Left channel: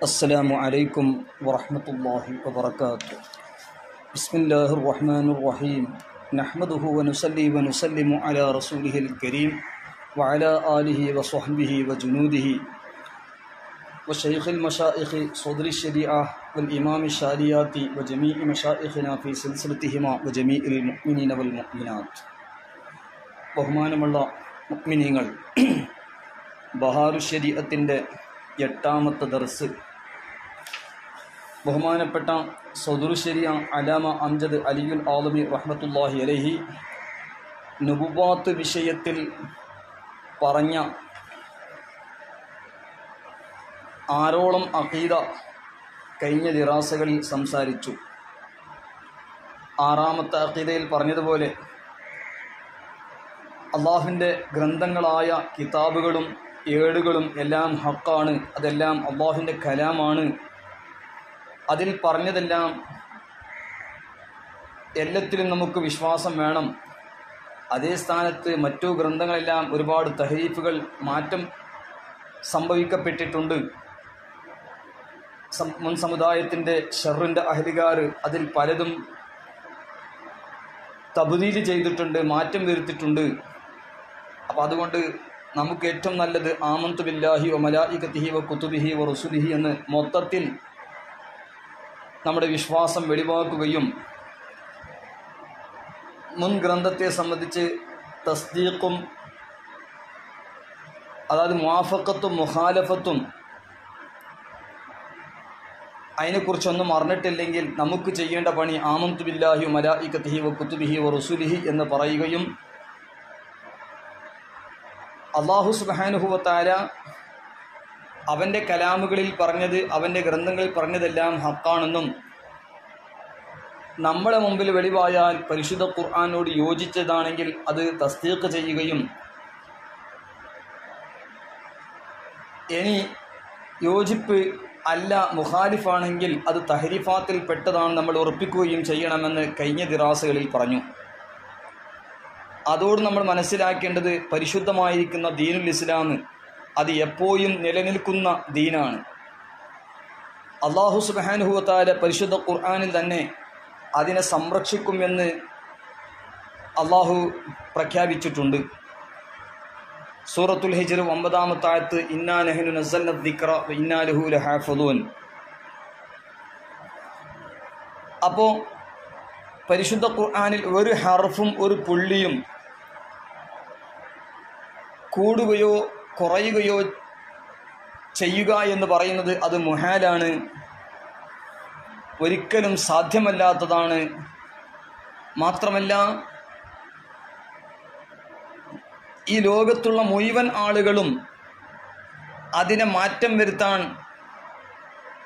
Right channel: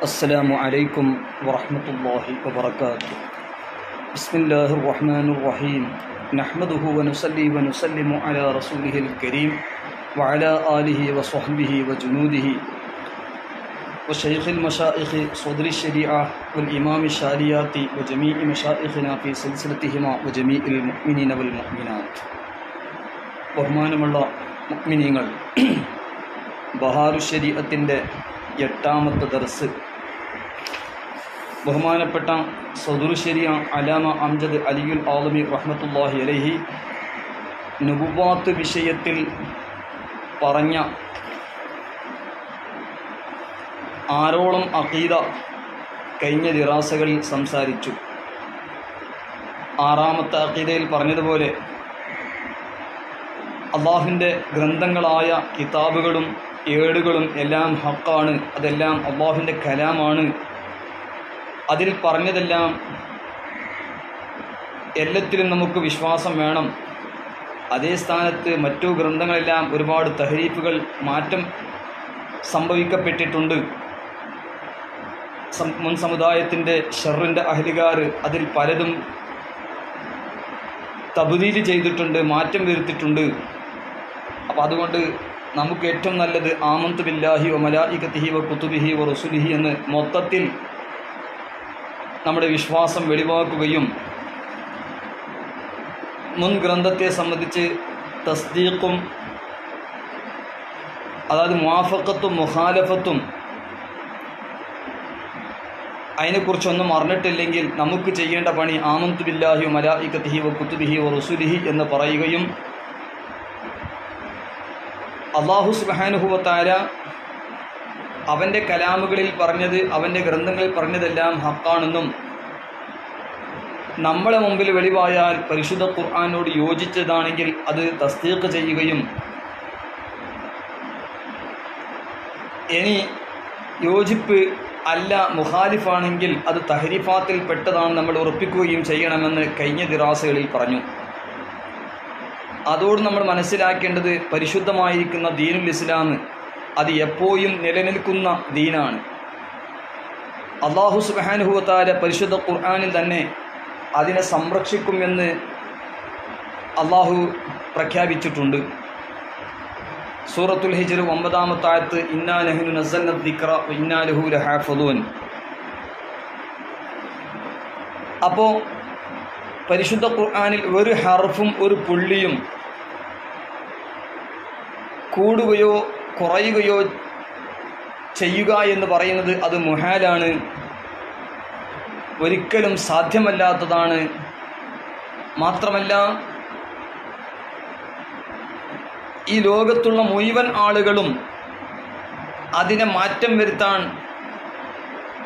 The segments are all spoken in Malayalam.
السلام عليكم ورحمة الله وبركاته. بسم الله الرحمن الرحيم. نحمده ونصلي ونسلم على رسوله الكريم وعلى آله وصحبه وجنوده وشيخ المشائخ صدر الشريعة والإمام الشاريات وجميع مشائخنا في سلسلتهما وجميع المؤمنين والمؤمنات. ബഹുമാനമുള്ള മുഅ്മിനീങ്ങൾ, ബഹാറു ശരീഅത്തിൻ്റെ 8ാമത്തെ ദർസ് ബഹുമാനപ്പെട്ട സദുർ ശരിയ അലാമ അംജദ് അലിയുൽ ആലമി റഹ്മത്തുള്ളാഹി അലൈഹി നുബുവ്വത്ത് വിഷയത്തിൽ പറഞ്ഞ 6ഓളം അഖീദ കഴിഞ്ഞ ദിറാസകളിൽ സംസാരിച്ചു. 6ാമത്തെ അഖീദയിൽ പറഞ്ഞതുപോലെ അള്ളാഹുവിൻ്റെ ഗ്രന്ഥങ്ങളായ കിതാബുകളും ഏടുകളും എല്ലാം ഹക്കാണ്, അതെല്ലാം അള്ളാഹുവിൻ്റെ കലാമാണ്. അതിൽ പറഞ്ഞതെല്ലാം എല്ലാത്തിലും നമുക്ക് വിശ്വാസം വേണം. അതേ സ്ഥാനത്ത് മറ്റു ഗ്രന്ഥങ്ങളെല്ലാം ഒരുപാട് തഹരീഫുകൾ, മാറ്റം സംഭവിക്കപ്പെട്ടിട്ടുണ്ട്. മുൻ സമുദായത്തിൻ്റെ ഷർറിൻ്റെ അഹ്ലുകാർ അതിൽ പലതും തബ്ദീൽ ചെയ്തിട്ടുണ്ട്, മാറ്റം വരുത്തിയിട്ടുണ്ട്. അപ്പോൾ അതുകൊണ്ട് നമുക്ക് ഏറ്റവും നല്ലത് ആമന്തു ബില്ലാഹി വ മലായികതിഹി വ കുതുബിഹി വ റസുലിഹി എന്ന് മൊത്തത്തിൽ നമ്മുടെ വിശ്വാസം വെളിവാക്കുകയും മുൻ ഗ്രന്ഥത്തെ സംബന്ധിച്ച് തസ്ദീഖും, അതായത് മുവാഫഖത്തും മുഖാലഫത്തും അതിനെക്കുറിച്ചൊന്നും അറിഞ്ഞിട്ടില്ലെങ്കിൽ നമുക്ക് ചെയ്യേണ്ട പണി ആമന്തു ബില്ലാഹി വ മലായികതിഹി വ കുതുബിഹി വ റസുലിഹി എന്ന് പറയുകയും അല്ലാഹു സുബ്ഹാനഹു വ തആല അവൻ്റെ കലാമുകളിൽ പറഞ്ഞത്, അവൻ്റെ ഗ്രന്ഥങ്ങളിൽ പറഞ്ഞതെല്ലാം ഹക്കാണെന്നും നമ്മളെ മുമ്പിൽ വെളിവായാൽ പരിശുദ്ധ ഖുർആനോട് യോജിച്ചതാണെങ്കിൽ അത് തസ്ദീഖ് ചെയ്യുകയും ഇനി യോജിപ്പ് അല്ല, മുഖാലിഫാണെങ്കിൽ അത് തഹരീഫാത്തിൽ പെട്ടതാണ് നമ്മൾ ഉറപ്പിക്കുകയും ചെയ്യണമെന്ന് കഴിഞ്ഞ ദിറാസകളിൽ പറഞ്ഞു. അതോട് നമ്മൾ മനസ്സിലാക്കേണ്ടത് പരിശുദ്ധമായിരിക്കുന്ന ദീനുൽ ഇസ്ലാം അത് എപ്പോഴും നിലനിൽക്കുന്ന ദീനാണ്. അല്ലാഹു സുബ്ഹാനഹു വ തആല പരിശുദ്ധ ഖുർആനിൽ തന്നെ അതിനെ സംരക്ഷിക്കുമെന്ന് അല്ലാഹു പ്രഖ്യാപിച്ചിട്ടുണ്ട്. സൂറത്തുൽ ഹിജ്ർ 9ാമത്തെ ആയത്ത്, ഇന്നാ നഹ്നു നസ്സൽന ദിക്റ വ ഇന്നാ ലഹു ലഹാഫിളൂൻ. അപ്പോൾ പരിശുദ്ധ ഖുർആനിൽ ഒരു ഹർഫും ഒരു പുള്ളിയും കൂടുകയോ കുറയുകയോ ചെയ്യുക എന്ന് പറയുന്നത് അത് മുഹാലാണ്, ഒരിക്കലും സാധ്യമല്ലാത്തതാണ്. മാത്രമല്ല, ഈ ലോകത്തുള്ള മുഴുവൻ ആളുകളും അതിനെ മാറ്റം വരുത്താൻ,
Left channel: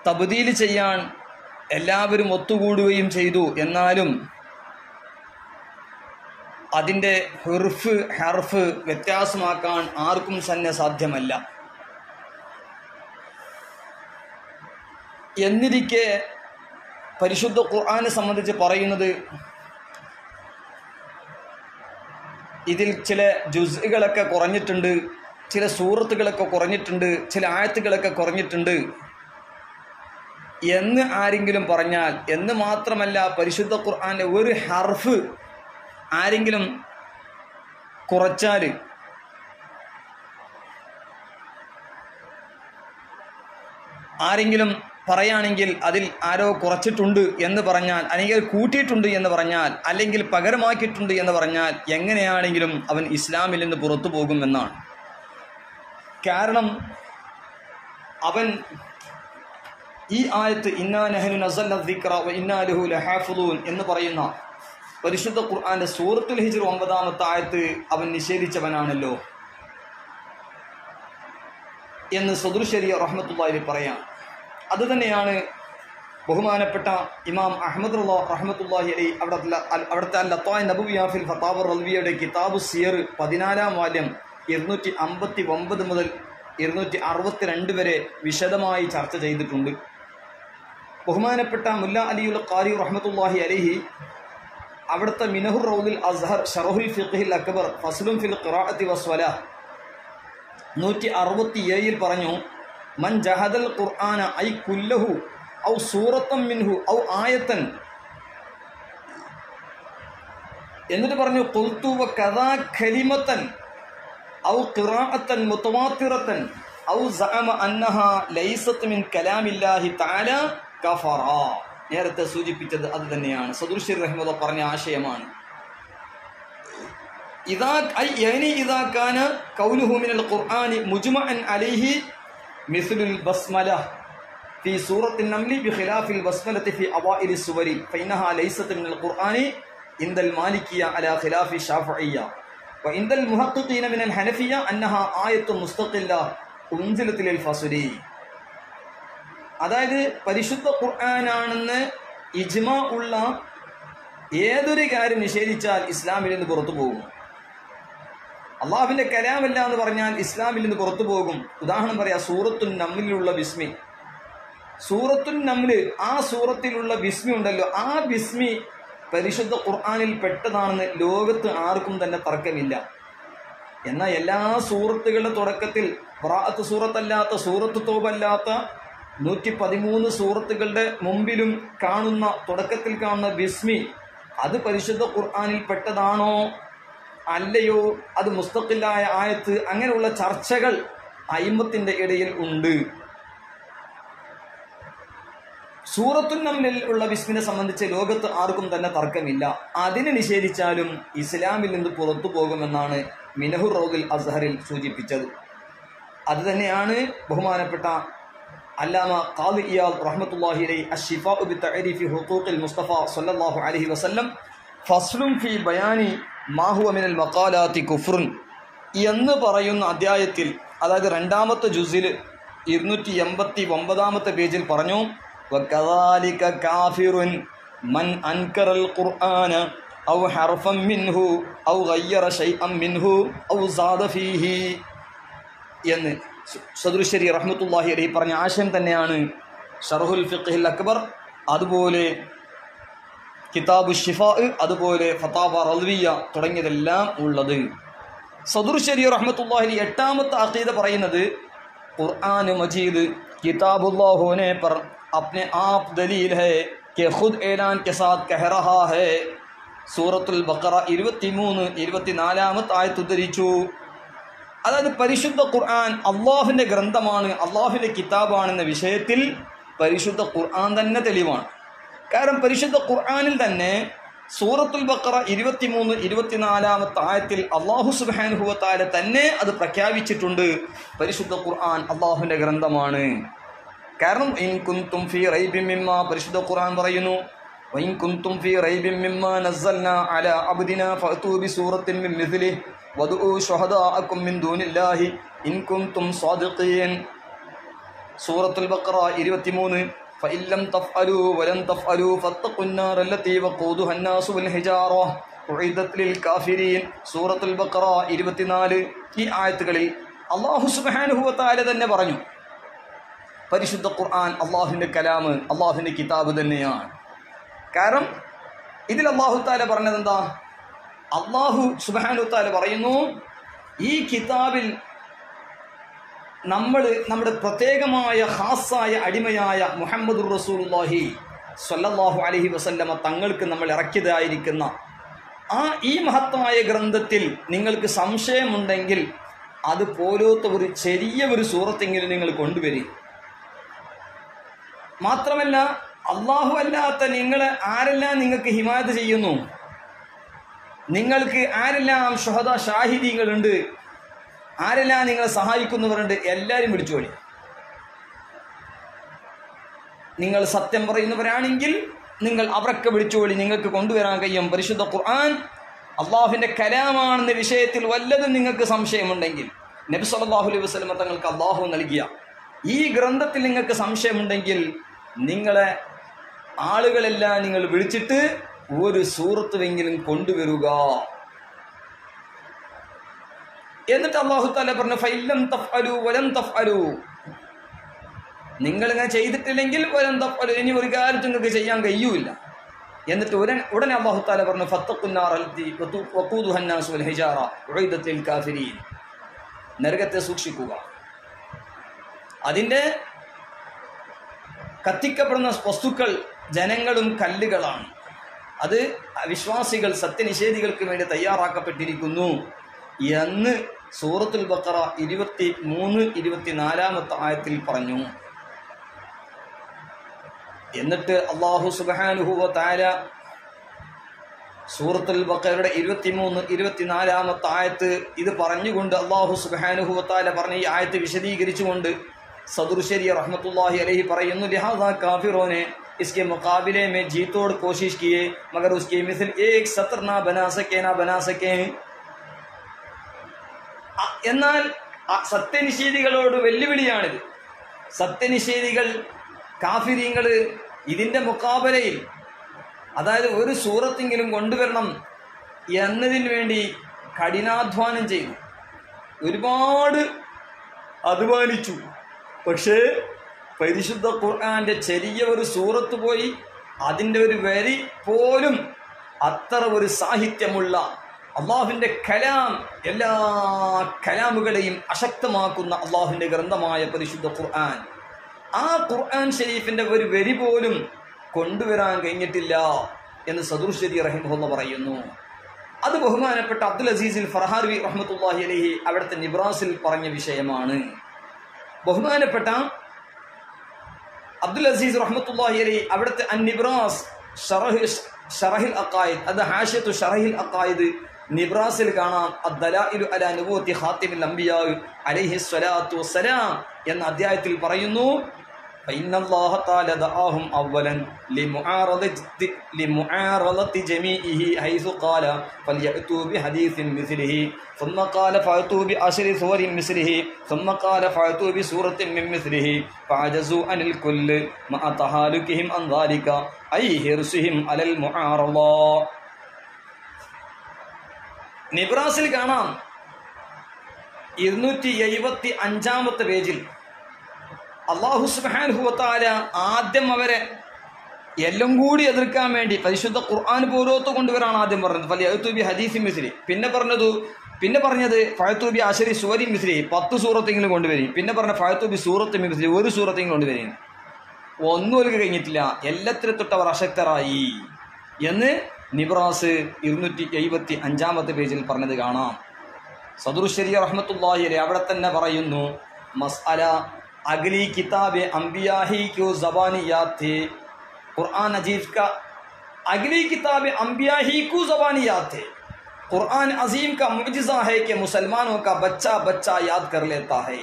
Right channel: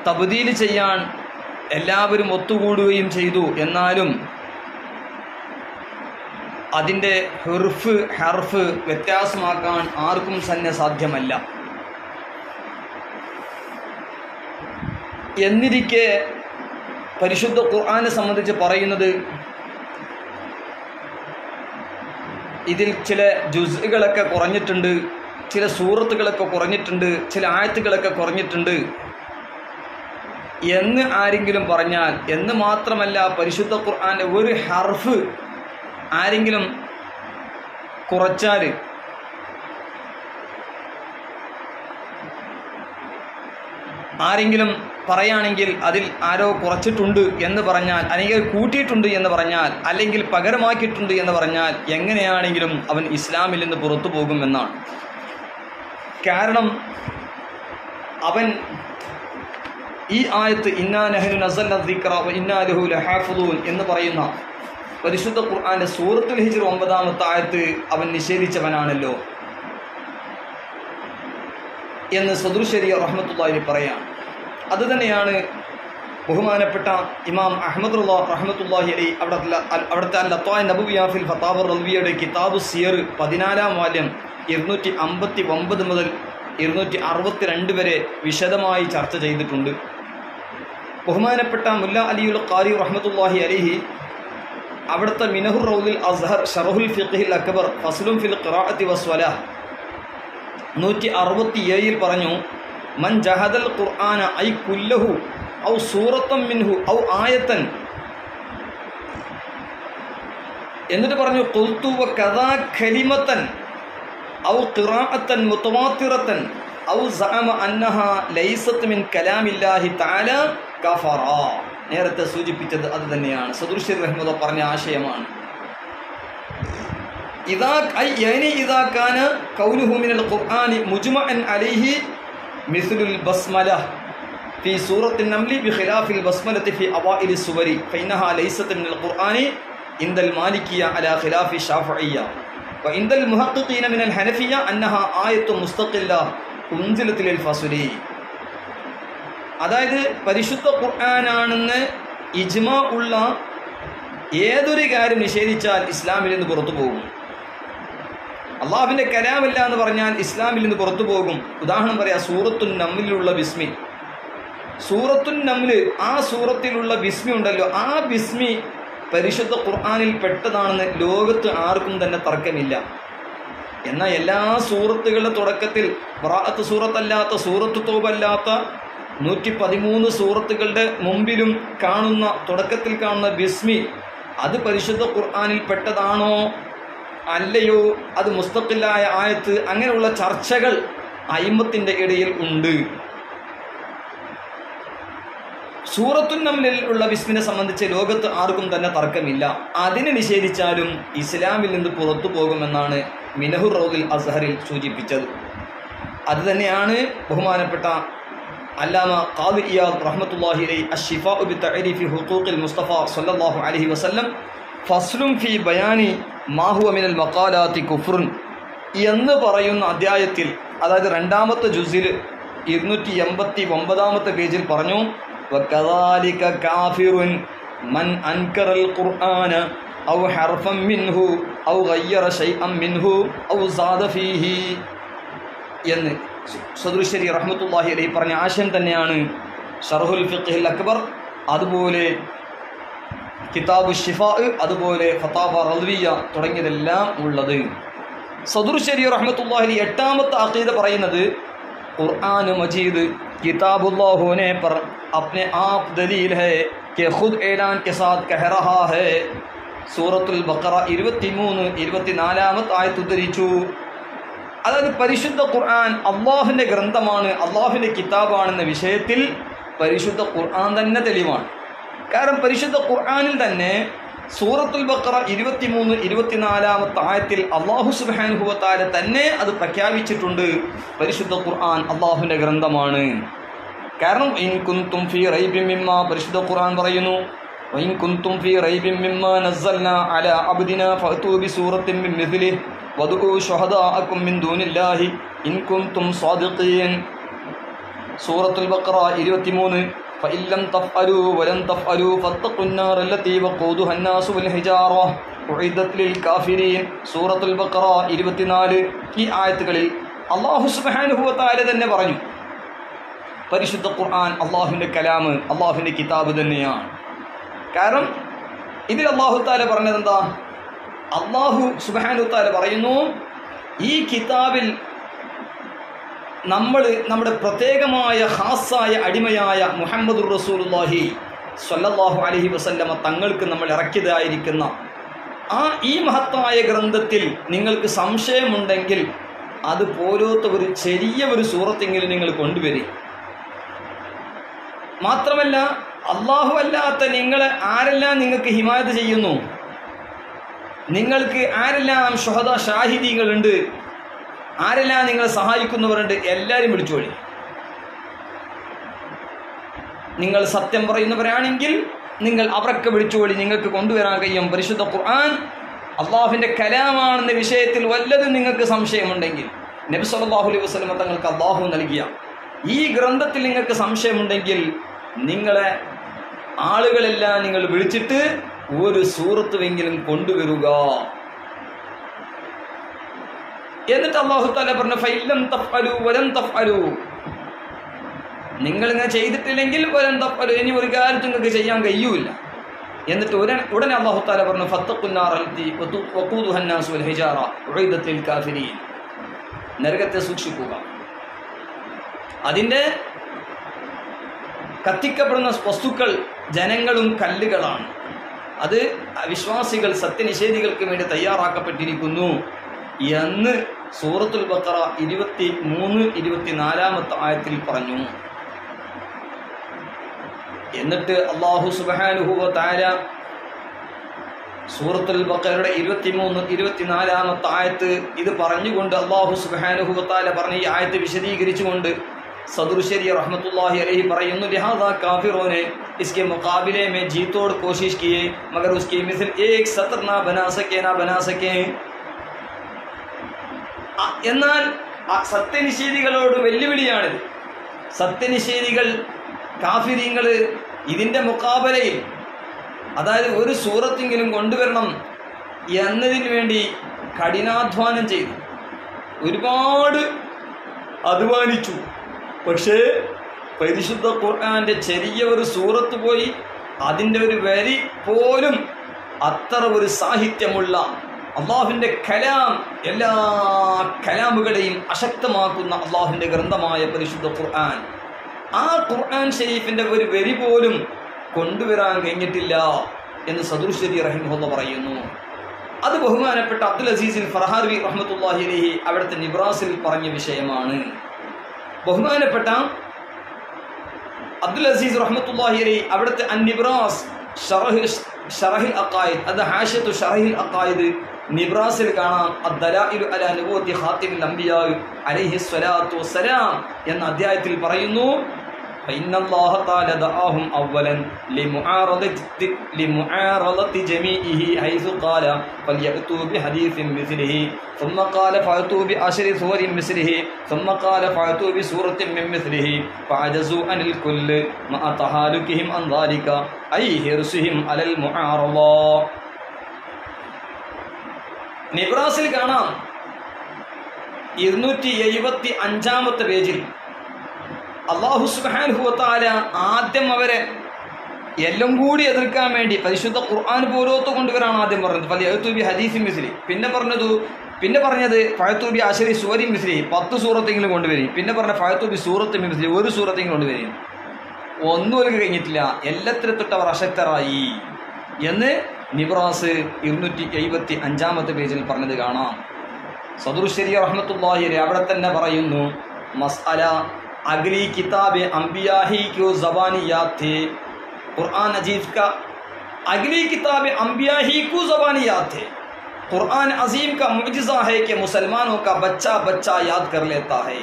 തബ്ദീൽ ചെയ്യാൻ എല്ലാവരും ഒത്തുകൂടുകയും ചെയ്തു. എന്നാലും അതിൻ്റെ ഹർഫ് വ്യത്യാസമാക്കാൻ ആർക്കും തന്നെ സാധ്യമല്ല. എന്നിരിക്കെ പരിശുദ്ധ ഖുർആനെ സംബന്ധിച്ച് പറയുന്നത്, ഇതിൽ ചില ജുസ്കളൊക്കെ കുറഞ്ഞിട്ടുണ്ട്, ചില സൂറത്തുകളൊക്കെ കുറഞ്ഞിട്ടുണ്ട്, ചില ആയത്തുകളൊക്കെ കുറഞ്ഞിട്ടുണ്ട് എന്ന് ആരെങ്കിലും പറഞ്ഞാൽ, എന്ന് മാത്രമല്ല പരിശുദ്ധ ഖുർആന്റെ ഒരു ഹർഫ് ആരെങ്കിലും കുറച്ചാൽ ആരെങ്കിലും പറയുകയാണെങ്കിൽ അതിൽ ആരോ കുറച്ചിട്ടുണ്ട് എന്ന് പറഞ്ഞാൽ, അല്ലെങ്കിൽ കൂട്ടിയിട്ടുണ്ട് എന്ന് പറഞ്ഞാൽ, അല്ലെങ്കിൽ പകരമാക്കിയിട്ടുണ്ട് എന്ന് പറഞ്ഞാൽ എങ്ങനെയാണെങ്കിലും അവൻ ഇസ്ലാമിൽ നിന്ന് പുറത്തു പോകുമെന്നാണ്. കാരണം അവൻ ഈ ആയത്ത് ഇന്നാ നഹ്നു നസ്സൽന ദിക്റ വ ഇന്നാ ലഹു ലഹാഫിളൂൻ എന്ന് പറയുന്ന പരിശുദ്ധ ഖുർആന്റെ സൂറത്തുൽ ഹിജ്ർ 9ാമത്തെ ആയത്ത് അവൻ നിഷേധിച്ചവനാണല്ലോ എന്ന് സദുർ ശരിയ റഹ്മത്തുള്ളാഹി പറയാം. അതുതന്നെയാണ് ബഹുമാനപ്പെട്ട ഇമാം അഹ്മദ് റഹ്മത്തുള്ളാഹി അലൈഹി അവിടുത്തെ അൽ-ലത്വാഇ നബവിയ്യ ഫിൽ ഫതാവ റൽവിയയുടെ കിതാബു സിയർ 14ാം വാല്യം 259 മുതൽ 262 വരെ വിശദമായി ചർച്ച ചെയ്തിട്ടുണ്ട്. ബഹുമാനപ്പെട്ട മുല്ല അലിയുൽ ഖാരി റഹ്മത്തുള്ളാഹി അലൈഹി അവിടുത്തെ മിനഹുർ റൗദിൽ അസ്ഹർ ഷറഹുൽ ഫിഖ്ഹിൽ അക്ബർ ഫസ്ലുൻ ഫിൽ ഖിറാഅത്തി വസ്വലാഹ് 167 പറഞ്ഞു, മൻ ജഹദൽ ഖുർആന ഐ കുല്ലഹു ഔ സൂറത്തൻ മിൻഹു ഔ ആയത്തൻ. എന്നിട്ട് പറഞ്ഞു ഖുൽതു വകദാ കലിമത്തൻ ഔ ഖിറാഅത്തൻ മുതവാത്തിറത്തൻ ഔ സഅമ അന്നഹാ ലൈസത് മിൻ കലാമില്ലാഹി തആല കഫറ. നേരത്തെ സൂചിപ്പിച്ചത് അത് തന്നെയാണ്. സദുർശി റഹ്മത്തുള്ളാഹി പറഞ്ഞ ആശയമാണ്. ഇദാ കാന ഖൗലുഹു മിനൽ ഖുർആനി മുജ്മഅൻ അലൈഹി മിസ്ലുൽ ബസ്മല ഫീ സൂറത്തിൻ നംലി ബിഖിലാഫിൽ ബസ്മലതി ഫീ അവൈലി സുവരി ഫഇന്നഹാ ലൈസത് മിനൽ ഖുർആനി ഇൻദൽ മാലിക്കിയ അലാ ഖിലാഫി ശാഫിഇയ്യ വഇൻദൽ മുഹഖഖീന മിനൽ ഹനഫിയ്യ അന്നഹാ ആയത്തുൻ മുസ്തഖില്ല ഉൻസിലത് ലിൽ ഫസ്ലി. അതായത് പരിശുദ്ധ ഖുർആനാണെന്ന് ഇജ്മാ ഉള്ള ഏതൊരു കാര്യം നിഷേധിച്ചാൽ ഇസ്ലാമിൽ നിന്ന് പുറത്തു പോകും. അള്ളാഹുവിന്റെ കലാമല്ല എന്ന് പറഞ്ഞാൽ ഇസ്ലാമിൽ നിന്ന് പുറത്തു പോകും. ഉദാഹരണം പറയാം, സൂറത്തുൻ നംലിലുള്ള ബിസ്മി. സൂറത്തുൻ നംല്, ആ സൂറത്തിലുള്ള ബിസ്മി ഉണ്ടല്ലോ, ആ ബിസ്മി പരിശുദ്ധ ഖുർആനിൽ പെട്ടതാണെന്ന് ലോകത്ത് ആർക്കും തന്നെ തർക്കമില്ല. എന്നാൽ എല്ലാ സൂറത്തുകളുടെ തുടക്കത്തിൽ ബറാഅത്ത് സൂറത്തല്ലാത്ത, സൂറത്ത് തൗബല്ലാത്ത 113 സൂറത്തുകളുടെ മുമ്പിലും കാണുന്ന, തുടക്കത്തിൽ കാണുന്ന ബിസ്മി അത് പരിശുദ്ധ ഖുർആനിൽ പെട്ടതാണോ അല്ലയോ, അത് മുസ്തഖിലായ ആയത്ത്, അങ്ങനെയുള്ള ചർച്ചകൾ അയിമ്മത്തിന്റെ ഇടയിൽ ഉണ്ട്. സൂറത്തുൻ നംലിൽ ഉള്ള ബിസ്മിനെ സംബന്ധിച്ച് ലോകത്ത് ആർക്കും തന്നെ തർക്കമില്ല. അതിനെ നിഷേധിച്ചാലും ഇസ്ലാമിൽ നിന്ന് പുറത്തു പോകുമെന്നാണ് മിനഹുർ റൗദുൽ അസ്ഹറിൽ സൂചിപ്പിച്ചത്. അത് തന്നെയാണ് ബഹുമാനപ്പെട്ട അല്ലാമ ഖാദി ഇയാദ് റഹ്മത്തുള്ളാഹി അലൈഹി അശ്ശിഫാഉ ബിതഅരീഫി ഹുഖൂഖിൽ മുസ്തഫ സ്വല്ലല്ലാഹു അലൈഹി വസല്ലം ഫസ്ലുൻ ഫീ ബയാനി മാ ഹുവ മിനൽ മഖാലാത്തി കുഫ്റുൻ എന്ന് പറയുന്ന അധ്യായത്തിൽ, അതായത് 2ാമത്തെ ജുസിൽ 289-ാമത്തെ പേജിൽ പറഞ്ഞു, വകദാലിക കാഫിറുൻ മൻ അൻകറൽ ഖുർആന ഔ ഹർഫൻ മിൻഹു ഔ ഗയ്യറ ശൈഅൻ മിൻഹു ഔ സാദ ഫീഹി എന്ന് സദുർശരി റഹ്മത്തുള്ളാഹി അലൈഹി പറഞ്ഞ ആശയം തന്നെയാണ് ശർഹുൽ ഫിഖ്ഹിൽ അക്ബർ, അതുപോലെ കിതാബു ഷിഫാ, അതുപോലെ ഫതാവ റദ്വിയ തുടങ്ങിയതെല്ലാം ഉള്ളത്. സദുർശരി റഹ്മത്തുള്ളാഹി അലൈഹി 8ാമത്തെ അഖീദ പറയുന്നത്, ഖുർആൻ മജീദ് किताबुल्लाह होने पर अपने आप दलील है कि खुद ऐलान के साथ कह रहा है. സൂറത്തുൽ ബഖറ 23-24 ആയത്ത് ഉദ്ധരിച്ചു. അതായത് പരിശുദ്ധ ഖുർആൻ അള്ളാഹുവിൻ്റെ ഗ്രന്ഥമാണ്, അള്ളാഹുവിൻ്റെ കിതാബാണെന്ന വിഷയത്തിൽ പരിശുദ്ധ ഖുർആൻ തന്നെ തെളിവാണ്. കാരണം പരിശുദ്ധ ഖുർആനിൽ തന്നെ സൂറത്തുൽ ബഖറ 23-24 ആയത്തിൽ അള്ളാഹു സുബ്ഹാനഹു വ തആല തന്നെ അത് പ്രഖ്യാപിച്ചിട്ടുണ്ട്, പരിശുദ്ധ ഖുർആൻ അള്ളാഹുവിൻ്റെ ഗ്രന്ഥമാണ്. കാരണം ഇൻ കുൻതും ഫീ റൈബിൻ മിമ്മാ, പരിശുദ്ധ ഖുർആൻ പറയുന്നു, വഇൻ കുൻതും ഫീ റൈബിൻ മിമ്മാ നസ്സൽനാ അലാ അബ്ദിനാ ഫഅതൂ ബിസൂറത്തിൻ മിൻ മിസ്ലിഹി വദഉ ശുഹദാഅകും മിൻ ദൂനില്ലാഹി ഇൻ കുൻതും സ്വാദിഖീൻ. സൂറത്തുൽ ബഖറ 23. فإن لم تفعلوا ولن تفعلوا فاتقوا النار التي وقودها الناس والحجارة أعدت للكافرين. സൂറത്തുൽ ബഖറ 24. ഈ ആയത്തുകളിൽ അല്ലാഹു സുബ്ഹാനഹു വ തആല തന്നെ പറഞ്ഞു, പരിശുദ്ധ ഖുർആൻ അല്ലാഹുവിൻ്റെ കലാം, അല്ലാഹുവിൻ്റെ കിതാബ് തന്നെയാണ്. കാരണം ഇതിൽ അല്ലാഹു തആല പറഞ്ഞത് എന്താ? അല്ലാഹു സുബ്ഹാനഹു വ തആല പറയുന്നു, ഈ കിതാബിൽ നമ്മൾ നമ്മുടെ പ്രത്യേകമായ ഖാസായ അടിമയായ മുഹമ്മദുർ റസൂലുള്ളാഹി സ്വല്ലല്ലാഹു അലൈഹി വസല്ലമ തങ്ങൾക്ക് നമ്മൾ ഇറക്കിയതായിരിക്കുന്ന ഈ മഹത്തായ ഗ്രന്ഥത്തിൽ നിങ്ങൾക്ക് സംശയമുണ്ടെങ്കിൽ അത് പോലത്തെ ഒരു ചെറിയ ഒരു സൂറത്തെങ്കിലും നിങ്ങൾ കൊണ്ടുവരും. മാത്രമല്ല അല്ലാഹു അല്ലാത്ത നിങ്ങളെ ആരെല്ലാം നിങ്ങൾക്ക് ഹിമായത്ത് ചെയ്യുന്നു, നിങ്ങൾക്ക് ആരെല്ലാം ശുഹദാ ഷാഹിദീങ്ങളുണ്ട്, ആരെല്ലാം നിങ്ങളെ സഹായിക്കുന്നവരുണ്ട്, എല്ലാവരും വിളിച്ചോളി. നിങ്ങൾ സത്യം പറയുന്നവരാണെങ്കിൽ നിങ്ങൾ അവരൊക്കെ വിളിച്ചോളി, നിങ്ങൾക്ക് കൊണ്ടുവരാൻ കഴിയും. പരിശുദ്ധ ഖുർആൻ അള്ളാഹുവിൻ്റെ കലാമാണെന്ന വിഷയത്തിൽ വല്ലതും നിങ്ങൾക്ക് സംശയമുണ്ടെങ്കിൽ, നബി സല്ലല്ലാഹു അലൈഹി വസല്ലം തങ്ങൾക്ക് അള്ളാഹു നൽകിയ ഈ ഗ്രന്ഥത്തിൽ നിങ്ങൾക്ക് സംശയമുണ്ടെങ്കിൽ നിങ്ങളെ ആളുകളെല്ലാം നിങ്ങൾ വിളിച്ചിട്ട് ഒരു സൂറത്തുവെങ്കിലും കൊണ്ടുവരിക. എന്നിട്ട് അല്ലാഹു തആല പറഞ്ഞു, ഫഇല്ലം തഫ്അലു വലൻ തഫ്അലു, നിങ്ങൾ ഇങ്ങനെ ചെയ്തിട്ടില്ലെങ്കിൽ വലൻ തഫ്അലു, ഇനി ഒരു കാര്യം നിങ്ങൾക്ക് ചെയ്യാൻ കഴിയൂല. എന്നിട്ട് ഉടനെ അല്ലാഹു തആല പറഞ്ഞു, ഫത്തഖുന്നാർ അല്ലതി വഖൂദുഹാ അന്നാസു വൽ ഹിജാറ ഉഇദത് ലിൽ കാഫിരീൻ, നരകത്തെ സൂക്ഷിക്കുക. അതിൻ്റെ കത്തിക്കപ്പെടുന്ന വസ്തുക്കൾ ജനങ്ങളും കല്ലുകളാണ്. അത് വിശ്വാസികൾ സത്യനിഷേധികൾക്ക് വേണ്ടി തയ്യാറാക്കപ്പെട്ടിരിക്കുന്നു എന്ന് സൂറത്തുൽ ബഖറ 23-24 ആയത്തിൽ പറഞ്ഞു. എന്നിട്ട് അല്ലാഹു സുബ്ഹാനഹു വ തആല സൂറത്തുൽ ബഖറയുടെ 23-24 ആയത്ത് ഇത് പറഞ്ഞുകൊണ്ട് അല്ലാഹു സുബ്ഹാനഹു വ തആല പറഞ്ഞ ഈ ആയത്ത് വിശദീകരിച്ചുകൊണ്ട് സദറുശരി റഹ്മത്തുള്ളാഹി अलैहि പറയുന്നു, लिहाजा काफिरों ने इसके मुकाबले में जी तोड़ कोशिश किए मगर उसके मिसल एक सतर ना बना सके. എന്നാൽ സത്യനിഷേധികളോട് വെല്ലുവിളിയാണിത്. സത്യനിഷേധികൾ കാഫിരീങ്ങൾ ഇതിൻ്റെ മുക്കാബലയിൽ, അതായത് ഒരു സൂറത്തെങ്കിലും കൊണ്ടുവരണം എന്നതിന് വേണ്ടി കഠിനാധ്വാനം ചെയ്തു, ഒരുപാട് അധ്വാനിച്ചു. പക്ഷേ പരിശുദ്ധ ഖുർആന്റെ ചെറിയ ഒരു സൂറത്ത് പോയി അതിൻ്റെ ഒരു വരി പോലും അത്ര ഒരു സാഹിത്യമുള്ള അള്ളാഹുവിൻ്റെ കലാം, എല്ലാ കലാമുകളെയും അശക്തമാക്കുന്ന അള്ളാഹുവിൻ്റെ ഗ്രന്ഥമായ പരിശുദ്ധ ഖുർആൻ, ആ ഖുർആൻ ഷരീഫിൻ്റെ ഒരു വരി പോലും കൊണ്ടുവരാൻ കഴിഞ്ഞിട്ടില്ല എന്ന് സദറുശരി റഹിമഹുല്ലാഹ് പറയുന്നു. അത് ബഹുമാനപ്പെട്ട അബ്ദുൽ അസീസ് ഫർഹാരി റഹ്മത്തുള്ളാഹി അലൈഹി അവിടുത്തെ നിബ്രാസിൽ പറഞ്ഞ വിഷയമാണ്. ബഹുമാനപ്പെട്ട അബ്ദുൽ അസീസ് റഹ്മത്തുള്ളാഹി അലൈഹി അവിടുത്തെ അന്നിബ്രാസ് ഷറഹിൽ അഖായിദ്, അത് ഹാഷിയത്തു ഷറഹിൽ അഖായിദ് നിബ്രാസിൽ കാണാം. അദ്ദലാഇലു അലാ നബുവത്തി ഖാതിമിൽ അംബിയാ അലൈഹി സ്വലാത്തു വസ്സലാം എന്ന അധ്യായത്തിൽ പറയുന്നു, فإن الله تعالى دعاهم أولا لمعارضة جميعه حيث قال فليأتوا بحديث مثله ثم قال فأتوا بعشر سور مثله ثم قال فأتوا بسورة من مثله فعجزوا عن الكل مع تهالكهم عن ذلك أي حرصهم على المعارضة. നിബ്രാസിൽ കാണാം 275 പേജിൽ അല്ലാഹു സുബ്ഹാനഹു വ തആല ആദ്യം അവരെ എല്ലാം കൂടി എതിർക്കാൻ വേണ്ടി പരിശുദ്ധ ഖുർആൻ പോലോത്ത് കൊണ്ടുവരാണ് ആദ്യം പറഞ്ഞത്. ഫലിയഅ്തു ബി ഹദീസിൻ മിസ്ലി. പിന്നെ പറഞ്ഞത് ഫഅ്തു ബി അശരി സൂറത്തിൻ മിസ്ലി, 10 സൂറത്തെങ്കിലും കൊണ്ടുവരും. പിന്നെ പറഞ്ഞ ഫഅ്തു ബി സൂറത്തിൻ മിസ്ലി, ഒരു സൂറത്തെങ്കിലും കൊണ്ടുവരും. ഒന്നും അവർക്ക് കഴിഞ്ഞിട്ടില്ല, എല്ലാത്തിലും തൊട്ട് അവർ അശക്തരായി എന്ന് നിബ്രാസ് 275 പേജിൽ പറഞ്ഞത് കാണാം. സദറുശരി റഹ്മത്തുള്ളാഹി അലൈഹി അവിടെ തന്നെ പറയുന്നു, മസ്അല अगली किताब अंबिया ही क्यों ज़बानियात थे, कुरान अजीज का अगली किताब अंबिया ही क्यों ज़बानियात थे. कुरान अजीम का मुअजिज़ा है कि मुसलमानों का बच्चा बच्चा याद कर लेता है.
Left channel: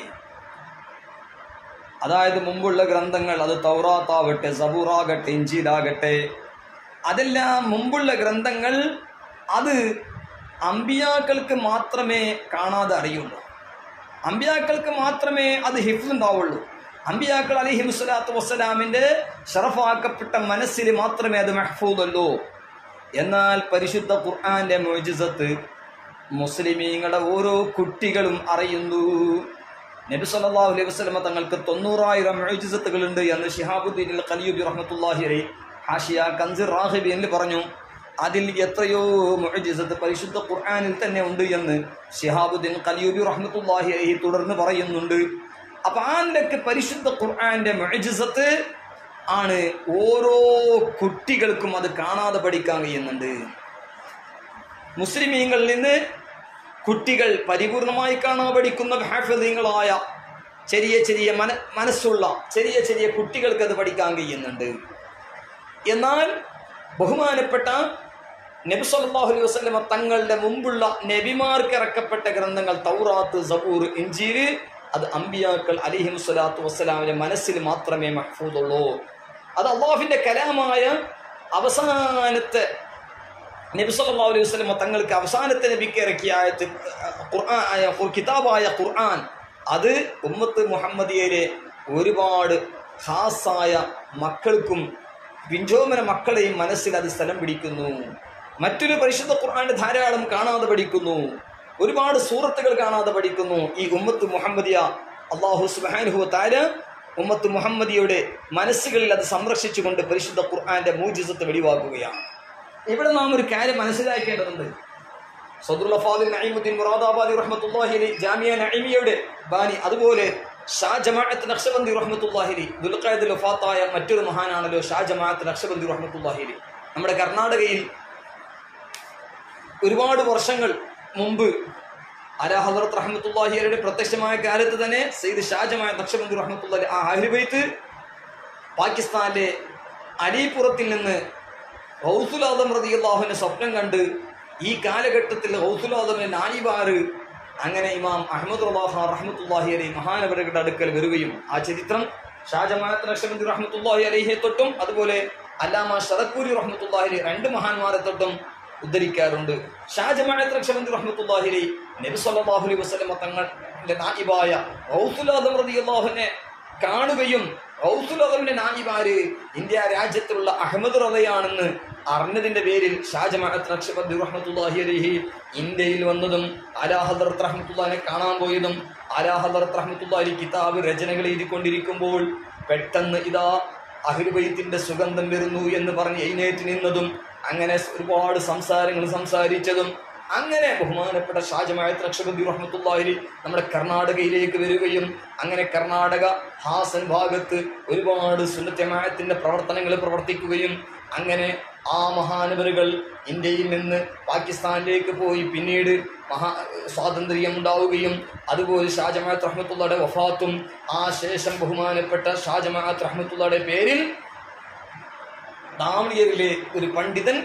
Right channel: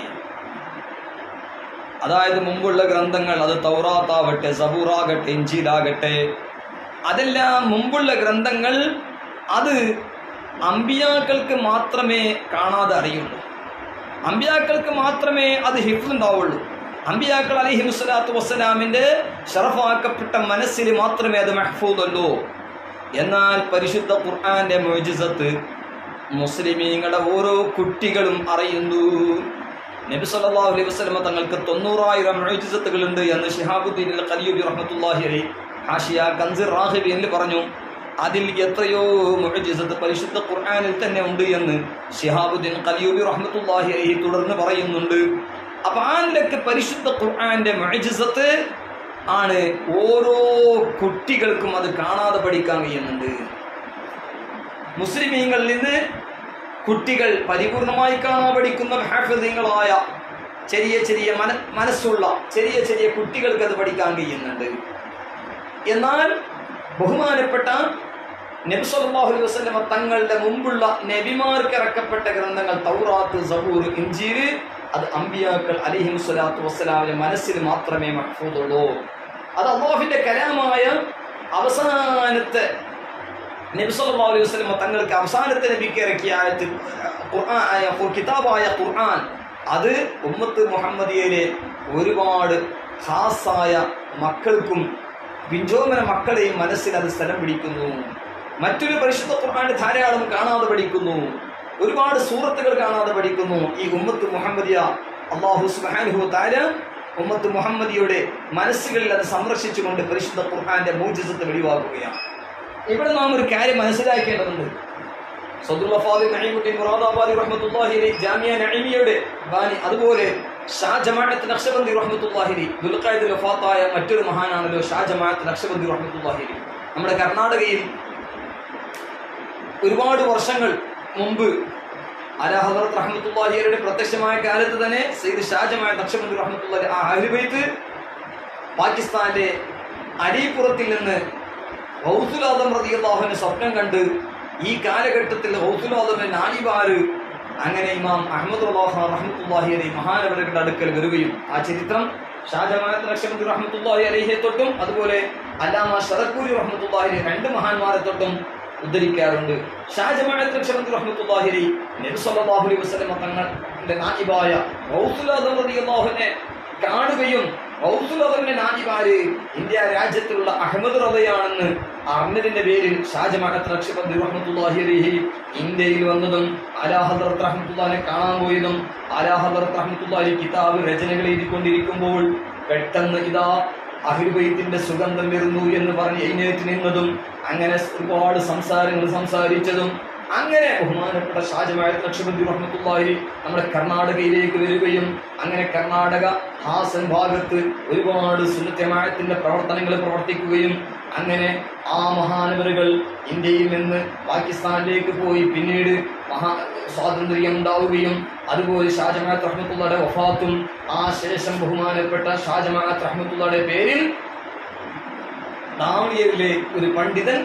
അതായത് മുമ്പുള്ള ഗ്രന്ഥങ്ങൾ, അത് തൗറാത്താവട്ടെ, സബൂറാകട്ടെ, ഇഞ്ചീലാകട്ടെ, അതെല്ലാം മുമ്പുള്ള ഗ്രന്ഥങ്ങൾ അത് അമ്പിയാക്കൾക്ക് മാത്രമേ കാണാതെ അറിയുള്ളൂ, അമ്പിയാക്കൾക്ക് മാത്രമേ അത് ഹിഫ്ള് ഉണ്ടാവുള്ളൂ. അമ്പിയാക്കൾ അലൈഹിമുസ്സലാത്തു വസ്സലാമിൻ്റെ ശറഫാക്കപ്പെട്ട മനസ്സിൽ മാത്രമേ അത് മഹ്ഫൂദുള്ളൂ. എന്നാൽ പരിശുദ്ധ ഖുർആന്റെ മുഅ്ജിസത്ത് മുസ്ലിമീങ്ങളുടെ ഓരോ കുട്ടികളും അറിയുന്നു. നബി സല്ലല്ലാഹു അലൈഹി വസല്ലം തങ്ങൾക്ക് 90,000 മുഅ്ജിസത്തുകളുണ്ട് എന്ന് ശിഹാബുദ്ദീൻ അൽ ഖലിയൂബി റഹ്മത്തുള്ളാഹി അലൈഹി ഹാഷിയ കൻസിർ റാഹിബിയിൽ പറഞ്ഞു. അതിൽ എത്രയോ മുഅ്ജിസത്ത് പരിശുദ്ധ ഖുർആനിൽ തന്നെ ഉണ്ട് എന്ന് ശിഹാബുദ്ദീൻ ഖലിയൂബി റഹ്മത്തുള്ളാഹി അലൈഹി തുടർന്ന് പറയുന്നുണ്ട്. അപ്പോൾ ആ നിലയ്ക്ക് പരിശുദ്ധ ഖുർആന്റെ മുഅ്ജിസത്ത് ആണ് ഓരോ കുട്ടികൾക്കും അത് കാണാതെ പഠിക്കാൻ കഴിയുന്നുണ്ട്. മുസ്ലിമീങ്ങളിൽ നിന്ന് കുട്ടികൾ പരിപൂർണമായി കാണാൻ പഠിക്കുന്ന ഹാഫിളീങ്ങളായ ചെറിയ മനസ്സുള്ള ചെറിയ കുട്ടികൾക്ക് അത് പഠിക്കാൻ കഴിയുന്നുണ്ട്. എന്നാൽ ബഹുമാനപ്പെട്ട നബി സല്ലല്ലാഹു അലൈഹി വസല്ലം തങ്ങളുടെ മുമ്പുള്ള നബിമാർക്ക് ഇറക്കപ്പെട്ട ഗ്രന്ഥങ്ങൾ തൗറാത്ത്, സബൂർ, ഇഞ്ചീൽ, അത് അമ്പിയാക്കൾ അലൈഹിമുസ്സലാത്തു വസ്സലാമിന്റെ മനസ്സിൽ മാത്രമേ മഹ്ഫൂദുള്ളൂ. അത് അല്ലാഹുവിന്റെ കലാമായ അവസാനത്തെ നബി സല്ലല്ലാഹു അലൈഹി വസല്ലം തങ്ങൾക്ക് അവസാനത്തെ നബിക്ക് ഇറക്കിയ കിതാബായ ഖുർആൻ, അത് ഉമ്മത്ത് മുഹമ്മദിയയിലെ ഒരുപാട് ഖാസായ മക്കൾക്കും പിഞ്ചോമന മക്കളെയും മനസ്സിൽ അത് സ്ഥലം പിടിക്കുന്നു. മറ്റൊരു പരിശുദ്ധ ഖുർആന്റെ ധാരാളം കാണാതെ പഠിക്കുന്നു, ഒരുപാട് സൂറത്തുകൾ കാണാതെ പഠിക്കുന്നു. ഈ ഉമ്മത്ത് മുഹമ്മദിയ അല്ലാഹു സുബ്ഹാനഹു വ തആല ഉമ്മത്ത് മുഹമ്മദിയുടെ മനസ്സുകളിൽ അത് സംരക്ഷിച്ചുകൊണ്ട് പരിശുദ്ധ ഖുർആന്റെ മുഅ്ജിസത്ത് വെളിവാക്കുകയാണ്. ഇവിടെ നാം ഒരു കാര്യം മനസ്സിലാക്കേണ്ടതുണ്ട്. സദറുൽ ഫാദിൽ നഈമുദ്ദീൻ മുറാദാബാദി റഹ്മത്തുള്ളാഹി അലൈഹി ജാമിയ നഈമിയയുടെ ബാനി, അതുപോലെ ഷാ ജമാഅത്ത് നഖ്ശബന്ദി റഹ്മത്തുള്ളാഹി ദുൽഖഅദിൽ വഫാത്തായ മറ്റൊരു മഹാനാണല്ലോ ഷാ ജമാഅത്ത് നഖ്ശബന്ദി റഹ്മത്തുള്ളാഹി. നമ്മുടെ കർണാടകയിൽ ഒരുപാട് വർഷങ്ങൾ മുമ്പ് അലാ ഹദറത്ത് റഹ്മത്തുള്ളാഹിയുടെ പ്രത്യക്ഷമായ കാലത്ത് തന്നെ സയ്യിദ് ഷാ ജമാഅത്ത് നഖ്ശബന്ദി റഹ്മത്തുള്ളാഹി ആ അഹ്ലു ബൈത്ത് പാകിസ്ഥാനിലെ അലിപുറത്തിൽ നിന്ന് ഗൗസുൽ ആദം റളിയല്ലാഹു അൻഹു സ്വപ്നം കണ്ട് ഈ കാലഘട്ടത്തിൽ ഗൗസുൽ ആദമിന്റെ നായിബാര് അങ്ങനെ ഇമാം അഹ്മദ് റഹ്മത്തുള്ളാഹി അലൈഹി മഹാനവരുടെ അടുക്കൽ വരികയും ആ ചരിത്രം ഷാ ജമാഅത്ത് നഖ്ശബന്ദി റഹ്മത്തുള്ളാഹി അലൈഹിയെ തൊട്ടും അതുപോലെ അല്ലാമ ശറക്കൂരി റഹ്മത്തുള്ളാഹി അലൈഹി രണ്ട് മഹാന്മാരെ തൊട്ടും ഉദ്ധരിക്കാറുണ്ട്. ഷാ ജമാഅത്ത് നഖ്ശബന്ദി റഹ്മത്തുള്ളാഹി അലൈഹി നബി സല്ലല്ലാഹു അലൈഹി വസല്ലം തങ്ങളുടെ നായിബായ ഗൗസുൽ ആദം റളിയല്ലാഹു അൻഹു കാണുകയും ഗൗസുൽ ആദമിന്റെ നായിബാര് ഇന്ത്യ രാജ്യത്തിലുള്ള അഹമ്മദ് റളിയാണെന്ന് അറിഞ്ഞതിന്റെ പേരിൽ ഷാ ജമാഅത്ത് നഖ്ശബന്ദി റഹ്മത്തുള്ളാഹി അലൈഹി ഇന്ത്യയിൽ വന്നതും അലാ ഹദറത്ത് റഹ്മത്തുള്ളാഹിനെ കാണാൻ പോയതും അലാ ഹദറത്ത് റഹ്മത്തുള്ളാഹി കിതാബ് രചനകൾ എഴുതിക്കൊണ്ടിരിക്കുമ്പോൾ പെട്ടെന്ന് ഇതാ അഹ്ലു ബൈത്തിന്റെ സുഗന്ധം വരുന്നു എന്ന് പറഞ്ഞ് എഴുന്നേറ്റ് നിന്നതും അങ്ങനെ ഒരുപാട് സംസാരങ്ങൾ സംസാരിച്ചതും അങ്ങനെ ബഹുമാനപ്പെട്ട ഷാ ജമാഅത്ത് നഖ്ശബന്ദി റഹ്മത്തുള്ളാഹി നമ്മുടെ കർണാടകയിലേക്ക് വരികയും അങ്ങനെ കർണാടക ഹാസൻ ഭാഗത്ത് ഒരുപാട് സുന്നത്ത് ജമാഅത്തിന്റെ പ്രവർത്തനങ്ങൾ പ്രവർത്തിക്കുകയും അങ്ങനെ ആ മഹാനവരുകൾ ഇന്ത്യയിൽ നിന്ന് പാകിസ്ഥാനിലേക്ക് പോയി പിന്നീട് സ്വാതന്ത്ര്യം ഉണ്ടാവുകയും അതുപോലെ ഷാ ജമാഅത്ത് റഹ്മത്തുള്ളാഹിയുടെ വഫാത്തും ആ ശേഷം ബഹുമാനപ്പെട്ട ഷാ ജമാഅത്ത് റഹ്മത്തുള്ളാഹിയുടെ പേരിൽ ദാമിയയിലെ ഒരു പണ്ഡിതൻ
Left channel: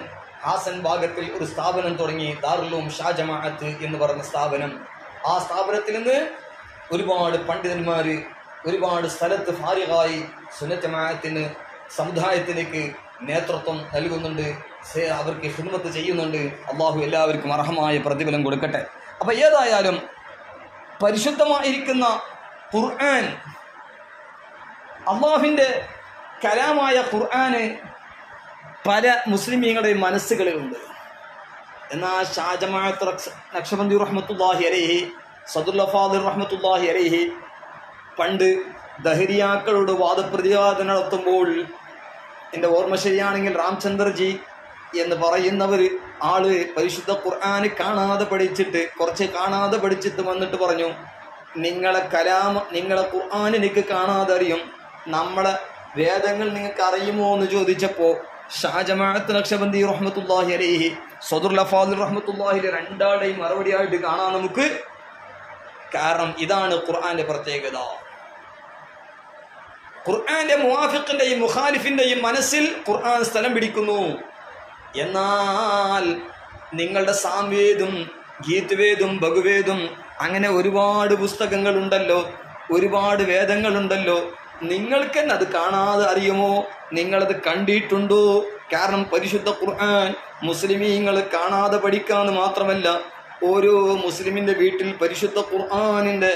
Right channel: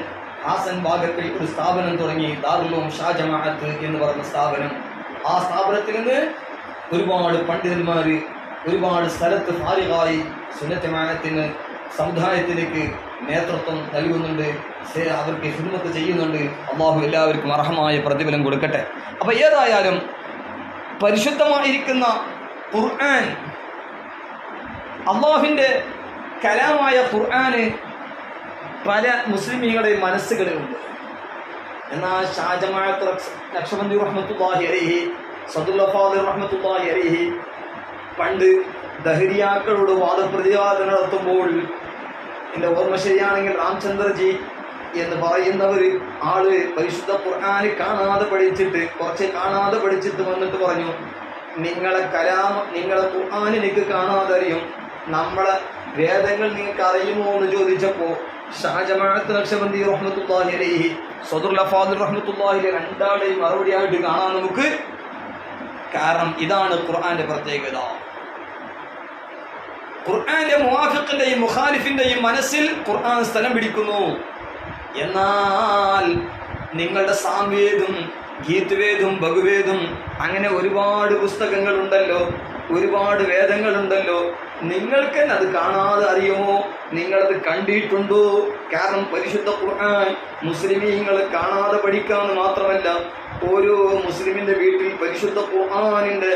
ഹാസൻ ഭാഗത്തിൽ ഒരു സ്ഥാപനം തുടങ്ങി, ദാറുൽ ഉലൂം ഷാ ജമാഅത്ത് എന്ന് പറയുന്ന സ്ഥാപനം. ആ സ്ഥാപനത്തിൽ നിന്ന് ഒരുപാട് പണ്ഡിതന്മാർ ഒരുപാട് സ്ഥലത്ത് ഫാരിഗായി സുന്നത്ത് ജമാഅത്തിന് സമുദായത്തിലേക്ക് നേതൃത്വം നൽകുന്നുണ്ട്, അവർക്ക് ഖിദ്മത്ത് ചെയ്യുന്നുണ്ട്. അള്ളാഹു എല്ലാവർക്കും അർഹമായ പ്രതിഫലം കൊടുക്കട്ടെ. അപ്പം ഏതായാലും പരിശുദ്ധമായിരിക്കുന്ന ഖുർആൻ, അള്ളാഹുവിൻ്റെ കലാമായ ഖുർആന് പല മുസ്ലിമീങ്ങളുടെയും മനസ്സുകളിലുണ്ട്. എന്നാൽ ഷാ ജമാഅത്ത് നഖ്ശബന്ദി റഹ്മത്തുള്ളാഹി അലൈഹി സദുൽ ഫാദിൽ റഹ്മത്തുള്ളാഹി അലൈഹി പണ്ട് ദഹരിയാക്കളോട് വാദപ്രതിവാദം നടത്തുമ്പോൾ, എൻ്റെ ഓർമ്മ ശരിയാണെങ്കിൽ രാംചന്ദ്രജി എന്ന് പറയുന്നവർ ആള് പരിശുദ്ധ ഖുർആന് കാണാതെ പഠിച്ചിട്ട് വന്നിട്ട് പറഞ്ഞു, നിങ്ങളെ ഖുർആൻ എനിക്ക് കാണാതെ അറിയും, നമ്മളെ വേദങ്ങൾ നിങ്ങൾക്ക് അറിയുമോ എന്ന് ചോദിച്ചപ്പോൾ ഷാ ജമാഅത്ത് നഖ്ശബന്ദി റഹ്മത്തുള്ളാഹി അലൈഹി സദുൽ ഫാദിൽ റഹ്മത്തുള്ളാഹി അലൈഹി രണ്ടാളുടെയും മറുപടിയായിട്ട് കാണാൻ നമുക്ക്. കാരണം ഇതാണ് ഖുർആന്റെ പ്രത്യേകത. ഖുർആന്റെ മുവാഫിഖിന്റെയും മുഖാലിഫിന്റെയും മനസ്സിൽ ഖുർആൻ സ്ഥലം പിടിക്കുന്നു. എന്നാൽ നിങ്ങളുടെ സാംവേദും ഗീത്വേദും ഭഗവേദും അങ്ങനെ ഒരുപാട് പുസ്തകങ്ങളുണ്ടല്ലോ, ഒരുപാട് വേദങ്ങളുണ്ടല്ലോ, നിങ്ങൾക്ക് തന്നെ അത് കാണാതെ അറിയുമോ? നിങ്ങളത് കണ്ടിട്ടുണ്ടോ? കാരണം പരിശുദ്ധ ഖുർആൻ മുസ്ലിമീങ്ങൾ കാണാതെ പഠിക്കാമെന്ന് മാത്രമല്ല, ഓരോ മുസ്ലിമിന്റെ വീട്ടിൽ പരിശുദ്ധ ഖുർആനിന്റെ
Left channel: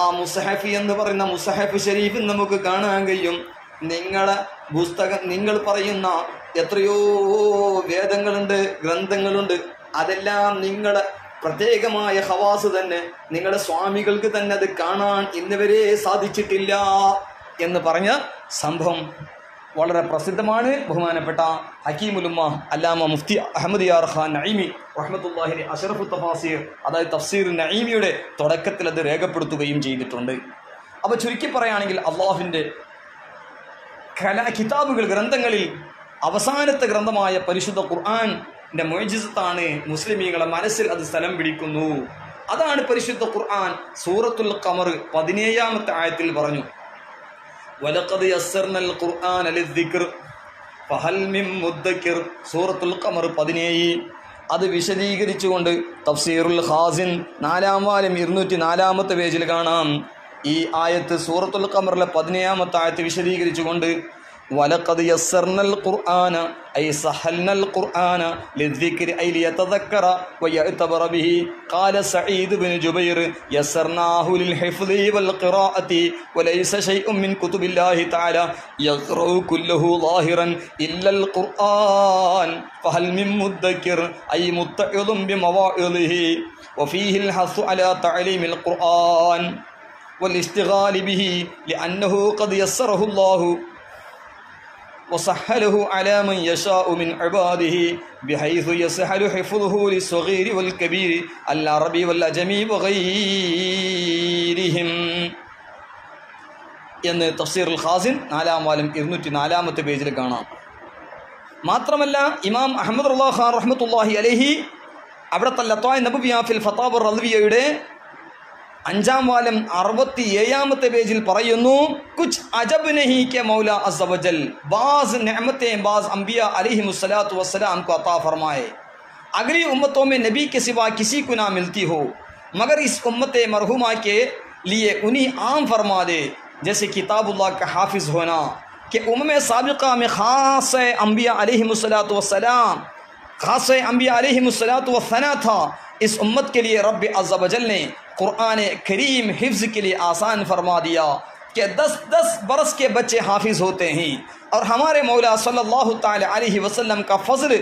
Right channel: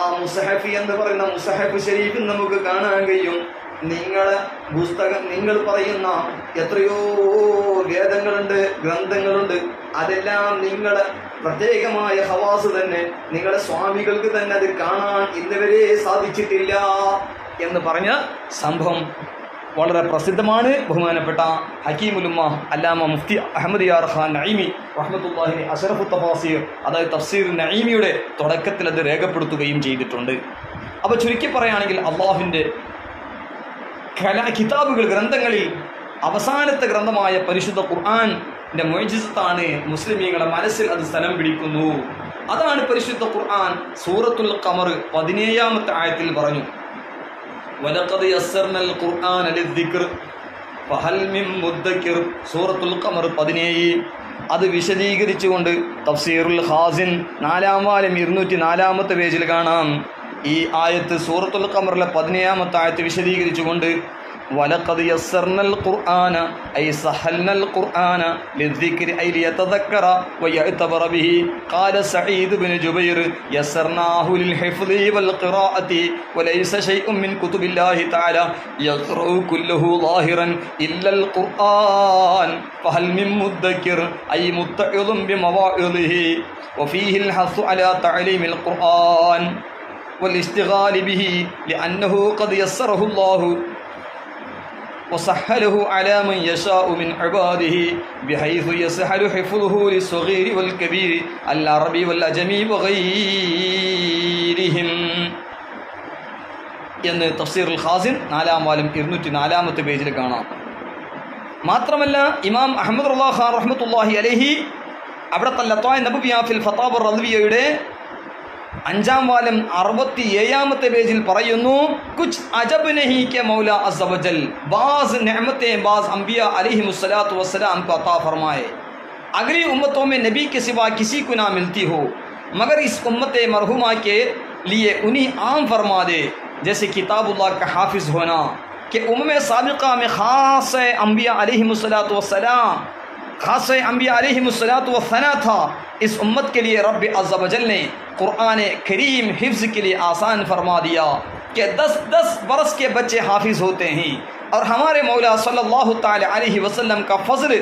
ആ മുസഹഫ് എന്ന് പറയുന്ന മുസഹഫ് ഷരീഫ് നമുക്ക് കാണാൻ കഴിയും. നിങ്ങളെ പുസ്തകം, നിങ്ങൾ പറയുന്ന എത്രയോ വേദങ്ങളുണ്ട്, ഗ്രന്ഥങ്ങളുണ്ട്, അതെല്ലാം നിങ്ങളെ പ്രത്യേകമായ ഹവാസ് തന്നെ, നിങ്ങളുടെ സ്വാമികൾക്ക് തന്നെ അത് കാണാൻ ഇന്നുവരെ സാധിച്ചിട്ടില്ല എന്ന് പറഞ്ഞ സംഭവം വളരെ പ്രസിദ്ധമാണ്. ബഹുമാനപ്പെട്ട ഹക്കീമുൽ ഉമ്മ അല്ലാമ മുഫ്തി അഹമ്മദ് യാർ ഖാൻ നഈമി റഹ്മത്തുള്ളാഹി അഷ്റഫു തഫാസീർ, അതായത് തഫ്സീർ നഈമിയുടെ തുടക്കത്തിൽ അത് രേഖപ്പെടുത്തുകയും ചെയ്തിട്ടുണ്ട്. അപ്പോൾ ചുരുക്കി പറയുകയാണെങ്കിൽ അള്ളാഹുവിൻ്റെ കിതാബുകൾ, ഗ്രന്ഥങ്ങളിൽ അവസാനത്തെ ഗ്രന്ഥമായ പരിശുദ്ധ ഖുർആന്റെ മുഅ്ജിസത്താണ് മുസ്ലിമീങ്ങളുടെ മനസ്സിൽ അത് സ്ഥലം പിടിക്കുന്നു. അതാണ് പരിശുദ്ധ ഖുർആൻ സൂറത്തുൽ ഖമർ 17-ാമത്തെ ആയത്തിൽ പറഞ്ഞു, വലഖദ് യസ്സർനൽ ഖുർആന ലിദ്ദിക്ർ ഫഹൽ മിൻ മുദ്ദക്കിർ. സൂറത്തുൽ ഖമർ 17. അത് വിശദീകരിച്ചുകൊണ്ട് തഫ്സീറുൽ ഖാസിൻ 4-ാം വാല്യം 204-ാമത്തെ പേജിൽ കാണാം. ഈ ആയത്ത് സൂറത്തുൽ ഖമറിലെ 17-ാമത്തെ ആയത്ത് വിശദീകരിച്ചുകൊണ്ട് വലഖദ് യസ്സർനൽ ഖുർആന ഐ സഹൽനൽ ഖുർആന ലിദ്ദിക്രി ഐ ലിയതദക്കറ വയഅ്തബറ ബിഹി ഖാല സഈദ് ഇബ്നു ജുബൈർ യസ്സർനാഹു ലിൽ ഹിഫ്ളി വൽ ഖിറാഅതി വലൈസ ശൈഉൻ മിൻ കുതുബില്ലാഹി തആല യഖറഉ കുല്ലുഹു ളാഹിറൻ ഇല്ലൽ ഖുർആൻ ഫഹൽ മിൻ മുദ്ദക്കിർ ഐ മുത്തഇദുൻ ബിമവാഇദിഹി വഫീഹിൽ ഹസ്സു അലാ തഅലീമിൽ ഖുർആൻ والاستغال به لأنه قد يسره الله وسهله على من يشاء من عباده بحيث يسهل حفظه للصغير والكبير العربي والأجمي وغيرهم. എന്ന് തഫ്സീറുൽ ഖാസിൻ 4-ാം വാല്യം 204-ാമത്തെ പേജിൽ കാണാം. മാത്രമല്ല ഇമാം അഹ്മദ് റളിയല്ലാഹു ഖാൻ റഹ്മത്തുള്ളാഹി അലൈഹി അവിടുത്തെ ലത്വായ നബവിയ ഫിൽ ഫതാവ റളിയയുടെ 5-ാം വാല്യം 67-ാമത്തെ പേജിൽ പറയുന്നു, കുച്ച് അജബ് നഹി കെ മൗല അസ്സ വജൽ ബാസ് नेमतें बाज अंबिया अलैहिमुस्सलातु वस्सलाम को अता फरमाए, अगली उम्मतों में नबी के सिवा किसी को ना मिलती हो, मगर इस उम्मत मरहुमा के लिए उन्हीं आम फरमा दे, जैसे किताबुल्लाह का हाफिज होना कि उम्म साबिक़ा में खास अंबिया अलैहिमुस्सलातु वस्सलाम खास अंबिया अलैहिमुस्सलातु वस्सना था. इस उम्मत के लिए रब अज़्ज़ व जल ने कुरान करीम हिफ्ज़ के लिए आसान फरमा दिया कि 10-10 बरस के बच्चे हाफिज होते हैं, और हमारे मौला सल्लल्लाहु ताला अलैहि वसल्लम का फजल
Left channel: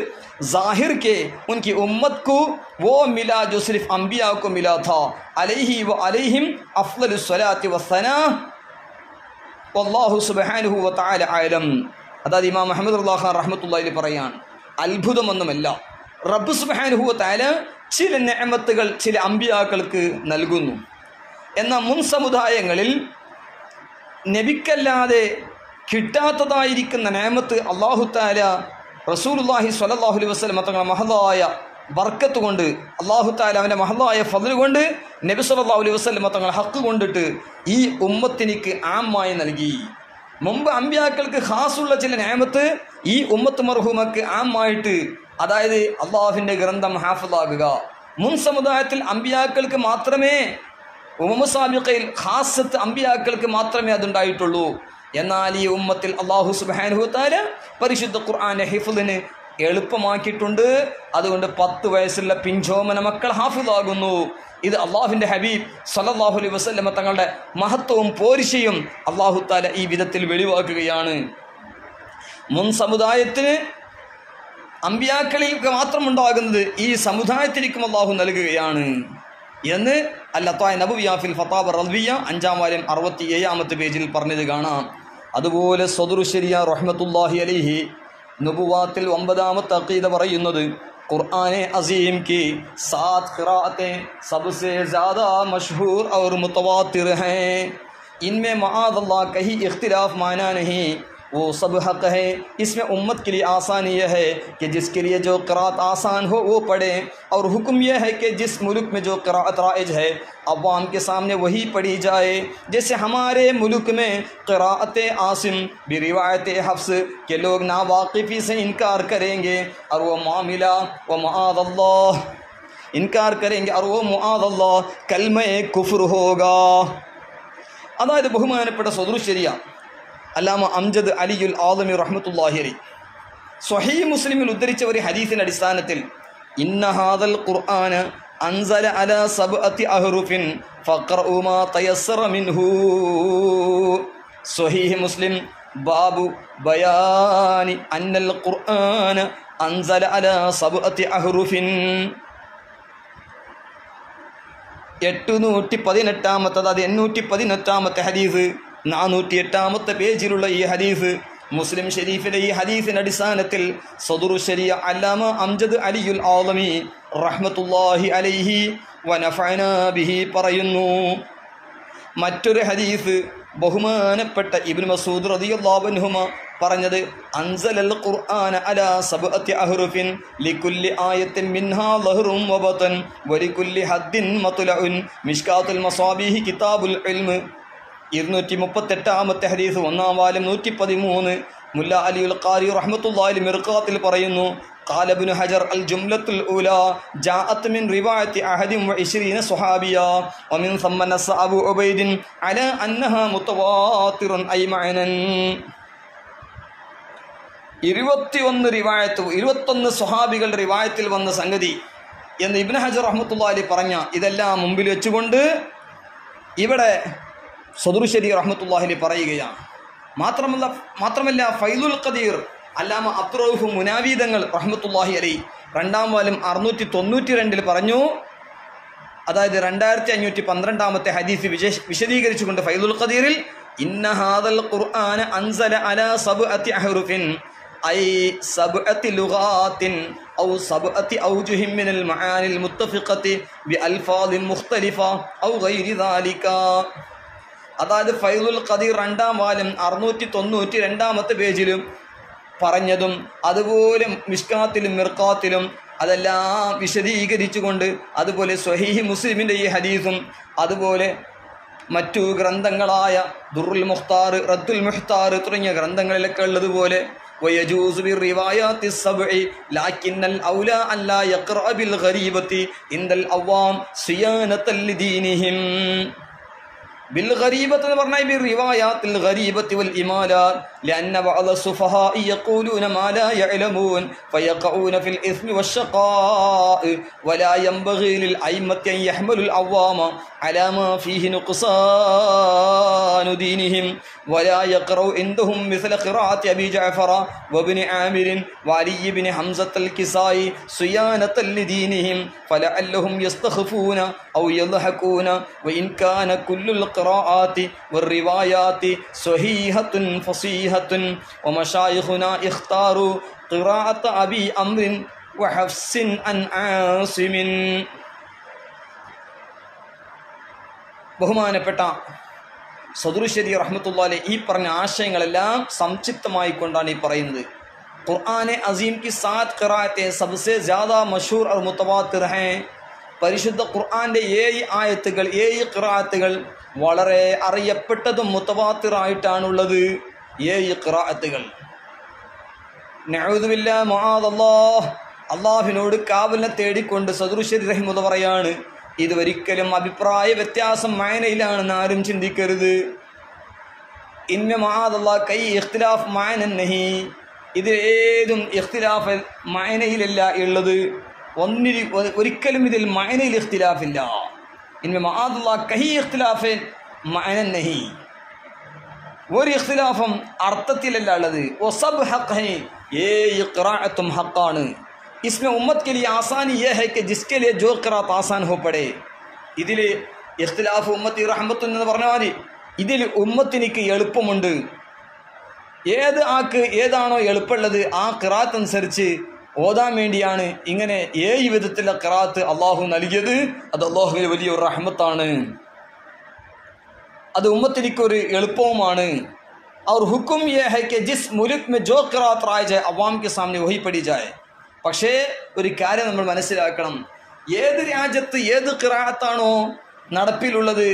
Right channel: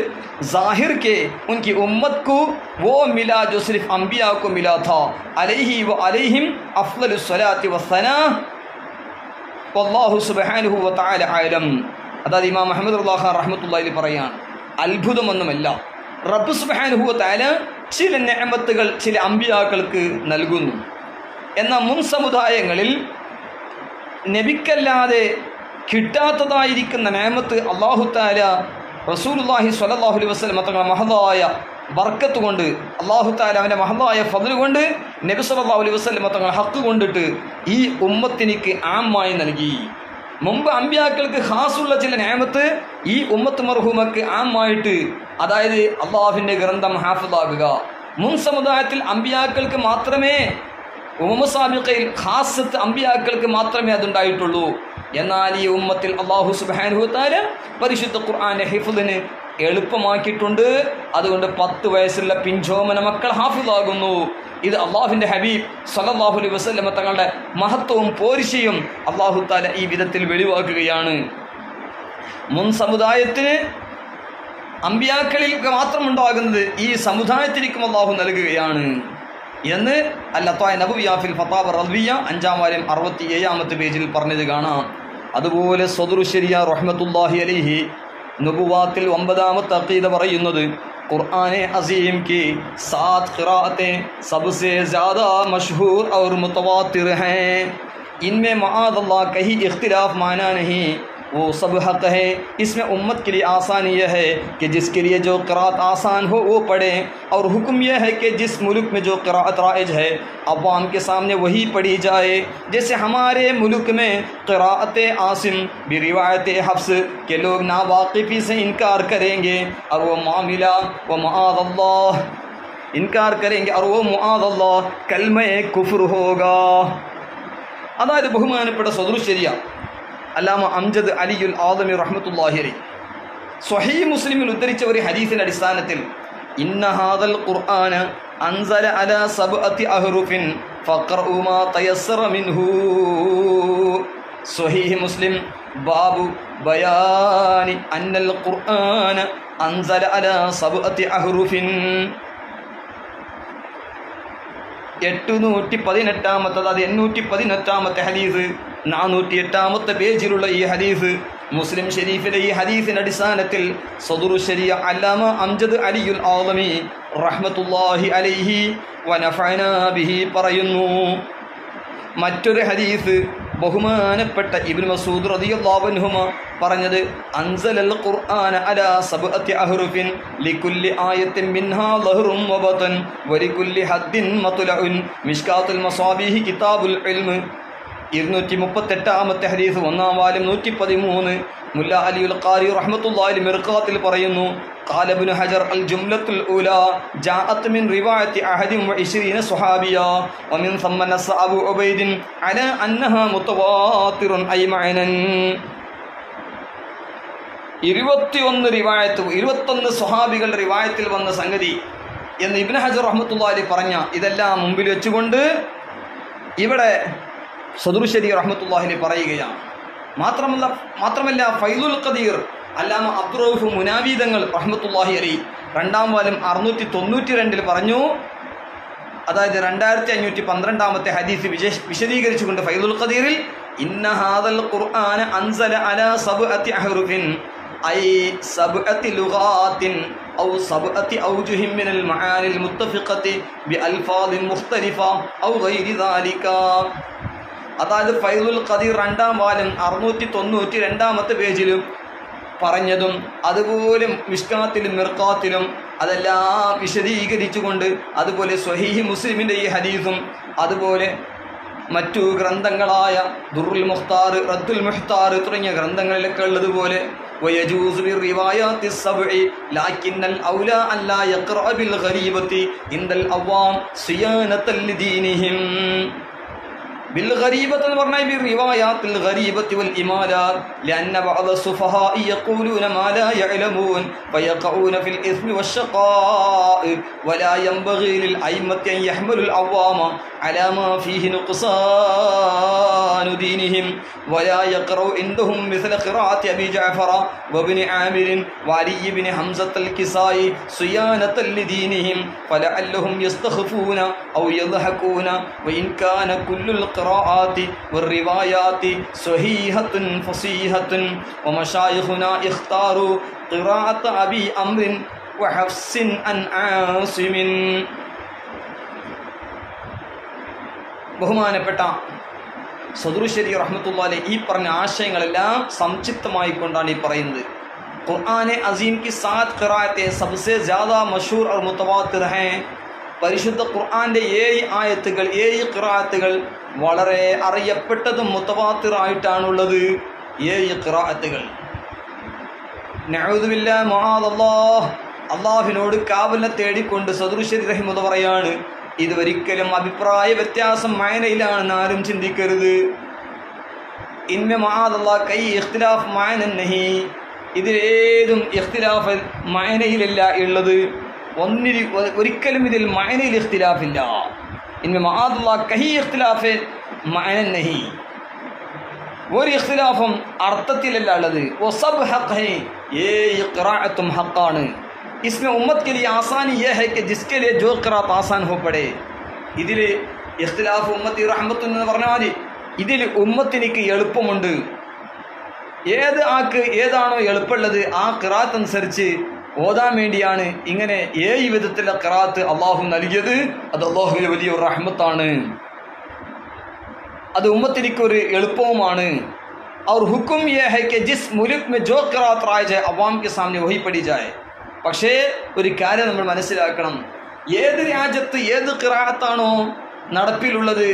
ज़ाहिर के उनकी उम्मत को वो मिला जो सिर्फ अंबिया को मिला था. अलैहि व अलैहिम अफ़्ज़लुस सलाति वस्सना वल्लाहु സുബ്ഹാനഹു വ തആല അഅലം. അതായത് ഇമാം മുഹമ്മദ് റളിയല്ലാഹു അൻഹു റഹ്മത്തുള്ളാഹി പറയാണ്, അത്ഭുതമൊന്നുമല്ല, റബ്ബ് സുബ്ഹാനഹു വ തആല ചില നിഅമത്തുകൾ ചില അമ്പിയാക്കൾക്ക് നൽകുന്നു. എന്നാൽ മുൻ സമുദായങ്ങളിൽ നബിക്കല്ലാതെ കിട്ടാത്തതായിരിക്കുന്ന നിഅമത്ത് അല്ലാഹു തആല റസൂലുള്ളാഹി സ്വല്ലല്ലാഹു അലൈഹി വസല്ലം തങ്ങളുടെ മഹദായ ബർക്കത്ത് കൊണ്ട്, അല്ലാഹു തആല അവൻ്റെ മഹദായ ഫദ്ൽ കൊണ്ട് നബി സല്ലല്ലാഹു അലൈഹി വസല്ലം തങ്ങളുടെ ഹക്ക് കൊണ്ടിട്ട് ഈ ഉമ്മത്തിനിക്ക് ആമായി നൽകി. മുമ്പ് അമ്പിയാക്കൾക്ക് ഖാസുള്ള ചില നിഅമത്ത് ഈ ഉമ്മത്ത് മർഹൂമക്ക് ആമായിട്ട്, അതായത് അള്ളാഹുവിൻ്റെ ഗ്രന്ഥം ഹാഫിളാകുക. മുൻ സമുദായത്തിൽ അമ്പിയാക്കൾക്ക് മാത്രമേ, ഉമ്മ സാബിഖയിൽ ഖാസത്ത് അമ്പിയാക്കൾക്ക് മാത്രമേ അതുണ്ടായിട്ടുള്ളൂ. എന്നാൽ ഈ ഉമ്മത്തിൽ അല്ലാഹു സുബ്ഹാനഹു വ തആല പരിശുദ്ധ ഖുർആന്റെ ഹിഫ്ളിന് എളുപ്പമാക്കിയിട്ടുണ്ട്. അതുകൊണ്ട് 10 വയസ്സുള്ള പിഞ്ചോമന മക്കൾ ഹാഫിളാകുന്നു. ഇത് അള്ളാഹുവിൻ്റെ ഹബീബ് സല്ലല്ലാഹു അലൈഹി വസല്ലം തങ്ങളുടെ മഹത്വവും പോരിശയും അല്ലാഹു തആല ഈ വിധത്തിൽ വെളിവാക്കുകയാണ്. മുൻ സമുദായത്തിന് അമ്പിയാക്കളിൽ മാത്രമുണ്ടാകുന്നത് ഈ സമുദായത്തിലേക്കും അല്ലാഹു നൽകുകയാണ് എന്ന് അൽ-ലത്വായ നബവിയ ഫിൽ ഫതാവ റളിയ 5-ാം വാല്യം 67-ാമത്തെ പേജിൽ പറഞ്ഞത് കാണാം. അതുപോലെ സദറു ശരിയ റഹ്മത്തുള്ളാഹി അലൈഹി നുബുവാത്തിൽ 9-ാമത്തെ അഖീദ പറയുന്നത്, क़ुरान अज़ीम की 7 क़िराअतें सबसे ज़्यादा मशहूर और मुतवातिर हैं, इनमें मआज़ल्लाह कहीं इख्तिलाफ़ माना नहीं, वो सब हक़ है. इसमें उम्मत के लिए आसानी यह है कि जिसके लिए जो क़िराअत आसान हो वो पढ़ें, और हुक्म यह है कि जिस मुल्क में जो क़िराअत राइज है अवाम के सामने वही पढ़ी जाए. जैसे हमारे मुल्क में क़िराअत आसिम भी रिवायत हफ्स के लोग नावाकिफ़ी से इनकार करेंगे और वो मामिला व मआज़ल्लाह इनकार करेंगे और वो मआज़ल्लाह कलमे कुफ्र होगा. അതായത് ബഹുമാനപ്പെട്ട സദറു ശരിയ അല്ലാമ അംജദ് അലിയുൽ ആദമി റഹ്മത്തുള്ളാഹി അലൈഹി സ്വഹീഹ് മുസ്ലിമിൽ ഉദ്ധരിച്ച ഒരു ഹദീസിന്റെ അടിസ്ഥാനത്തിൽ, ഇന്ന ഹാദൽ ഖുർആന അൻസല അലാ സബ്അത്തി അഹ്റുഫിൻ ഫഖറഉ മാ തയസ്സറ മിൻഹു. സ്വഹീഹ് മുസ്ലിം ബാബു ബയാനി അന്നൽ ഖുർആന അൻസല അലാ സബ്അത്തി അഹ്റുഫിൻ. 818-ാമത്തെ, അതായത് 818-ാമത്തെ ഹദീസ്, 408-ാമത്തെ പേജിലുള്ള ഈ ഹദീസ് മുസ്ലിം ഷരീഫിലെ ഈ ഹദീസിന്റെ അടിസ്ഥാനത്തിൽ സദറു ശരിയ അല്ലാമ അംജദ് അലിയുൽ ആദമി റഹ്മത്തുള്ളാഹി അലൈഹി വനഫഅനാ ബിഹി പറയുന്നു. മറ്റൊരു ഹദീസ് ബഹുമാനപ്പെട്ട ഇബ്നു മസ്ഊദ് റളിയല്ലാഹു അൻഹുമ പറഞ്ഞത്, അൻസലൽ ഖുർആന അലാ സബ്അത്തി അഹ്റുഫിൻ ലികുല്ലി ആയത്തിൻ മിൻഹാ ലഹ്റുൻ വബതൻ വലികുല്ലി ഹദ്ദിൻ മത്ലഉൻ മിഷ്കാത്തുൽ മസാബീഹി കിതാബുൽ ഇൽമ്. 238-ാമത്തെ ഹദീസ്, 1-ാം വാല്യം 113. മുല്ല അലിയുൽ ഖാരി റഹ്മത്തുള്ളാഹി മിർഖാത്തിൽ പറയുന്നു, ഖാല ഇബ്നു ഹജർ അൽ ജുംലത്തുൽ ഊലാ ജാഅത് മിൻ റിവായത്തി അഹദിൻ വഇശ്രീന സ്വഹാബിയ വമിൻ ثم നസ്സ അബൂ ഉബൈദിൻ അലാ അന്നഹാ മുതവാത്തിറുൻ ഐ മഅനൻ. 21 റിവായത്ത്, 21 സ്വഹാബികളുടെ റിവായത്തിൽ വന്ന സംഗതി എന്ന് ഇബ്നു ഹജർ റഹ്മത്തുള്ളാഹി പറഞ്ഞ ഇതെല്ലാം മുമ്പിൽ വെച്ചുകൊണ്ട് ഇവിടെ സദറു ശരീ റഹ്മത്തുള്ളാഹി പറയുകയാണ്. മാത്രമല്ല ഫൈദുൽ ഖദീർ അല്ലാമ അബ്ദുറഊഫ് മുനാവി തങ്ങൾ റഹ്മത്തുള്ളാഹി അലൈഹി 2-ാം വാല്യം 692-ൽ പറഞ്ഞു, അതായത് 2512-ാമത്തെ ഹദീസ് വിശദീകരിച്ചുകൊണ്ട് ഫൈദുൽ ഖദീറിൽ, ഇന്ന ഹാദൽ ഖുർആന അൻസല അലാ സബ്അത്തി അഹ്റുഫിൻ ഐ സബ്അത്തി ലുഗാത്തിൻ ഔ സബ്അത്തി ഔജുഹിൻ മിനൽ മആനിൽ മുത്തഫിഖത്തി ബിഅൽഫാദിൻ മുഖ്തലിഫ ഔ ഗൈരി ദാലിക. അതായത് ഫൈദുൽ ഖദീർ 2-ാം വാല്യം 692 പേജിലും പറഞ്ഞതും അതുപോലെ മിഷ്കാത്തിലും മിർഖാത്തിലും അതെല്ലാം വിശദീകരിച്ചുകൊണ്ട്, അതുപോലെ സ്വഹീഹ് മുസ്ലിമിൻ്റെ ഈ ഹദീസും അതുപോലെ മറ്റു ഗ്രന്ഥങ്ങളായ ദുർറുൽ മുഖ്താർ, റദ്ദുൽ മുഖ്താർ തുടങ്ങിയ ഗ്രന്ഥങ്ങളിലൊക്കെ ഉള്ളതുപോലെ ويجوز بالروايات السبع لكن الأولى أن لا يقرأ بالغريبة عند الأوام صيانة لدينهم. بالغريبة പറഞ്ഞാൽ بالروايات الغريبة والإمالات لأن بعض السفهاء يقولون ما لا يعلمون فيقعون في الإثم والشقاء ولا ينبغي للأئمة أن يحملوا العوام على ما فيه نقصان دينهم ولا يقرأ عندهم مثل قراءة أبي جعفر وابن عامر وعلي بن حمزة الكسائي صيانة لدينهم فلعلهم يستخفون أو يضحكون وإن كان كل القراءات والروايات صحيحة فصيحة ومشايخنا اختاروا قراءة أبي أمر وحفص عن عاصم. ബഹുമാനപ്പെട്ട സദറുശരി റഹ്മത്തുള്ളാഹി അലൈഹി ഈ പറഞ്ഞ ആശയങ്ങളെല്ലാം സംക്ഷിപ്തമായി കൊണ്ടാണ് ഈ പറയുന്നത്. ഖുർആനെ അസീം की 7 ഖിറാഅത്തെ सबसे ज़्यादा मशहूर और मुतवातिर हैं. പരിശുദ്ധ ഖുർആന്റെ 7 ആയത്തുകൾ 7 ഖിറാഅത്തുകൾ വളരെ അറിയപ്പെട്ടതും മുതവാത്തിറായിട്ടാണുള്ളത്. 7 ഖിറാഅത്തുകൾ. നഊദു ബില്ലാഹി മഅദല്ലാഹ്, അല്ലാഹുവിനോട് കാവലിനെ തേടിക്കൊണ്ട് സദറുശരി റഹിമത്തുള്ളാഹി പറയാണ്, ഇതൊരിക്കലും അഭിപ്രായ വ്യത്യാസം മഅനയിലാണെന്ന് ആരും ചിന്തിക്കരുത്. ഇന്ന മഅദല്ലാഹ് കൈ ഇഖ്തിലാഫ് മഅന നഹി, ഇതിലേതും ഇഖ്തിലാഫ് മഅനയിലല്ല ഉള്ളത്. ഒരിക്കലും ഇതിൽ മഅനയിൽ ഇഖ്തിലാഫില്ല. ഇന്ന മഅദല്ലാഹ് കൈ ഇഖ്തിലാഫ് മഅന നഹി, ഒരു ഇഖ്തിലാഫും അർത്ഥത്തിലല്ല ഉള്ളത്. വസബ് ഹഖ് ഹൈ, ये क़िराअतुम हक़्क़ान. इसमें उम्मत के लिए आसानी यह है कि जिसके लिए जो क़िराअत आसान हो पड़े. ഇതിൽ ഇഖ്തിലാഫ് ഉമ്മത്തി റഹ്മത്തുൻ എന്ന് പറഞ്ഞാൽ ഇതിൽ ഉമ്മത്തിനിക്ക് എളുപ്പമുണ്ട്. ഏത് ആൾക്ക് ഏതാണോ എളുപ്പമുള്ളത് ആ ഖിറാഅത്ത് അനുസരിച്ച് ഓതാൻ വേണ്ടിയാണ് ഇങ്ങനെ 7 വിധത്തിലുള്ള ഖിറാഅത്ത് അള്ളാഹു നൽകിയത്. അത് അള്ളാഹുവിന്റെ വലിയൊരു റഹ്മത്താണ്. അത് ഉമ്മത്തിനിക്കൊരു എളുപ്പവുമാണ്. और हुक्म यह है कि जिस मुल्क में जो क़िराअत राइज है अवाम के सामने वही पढ़ी जाए. പക്ഷേ ഒരു കാര്യം നമ്മൾ മനസ്സിലാക്കണം, ഏത് രാജ്യത്ത് ഏത് ഖിറാഅത്താണോ നടപ്പിലുള്ളത്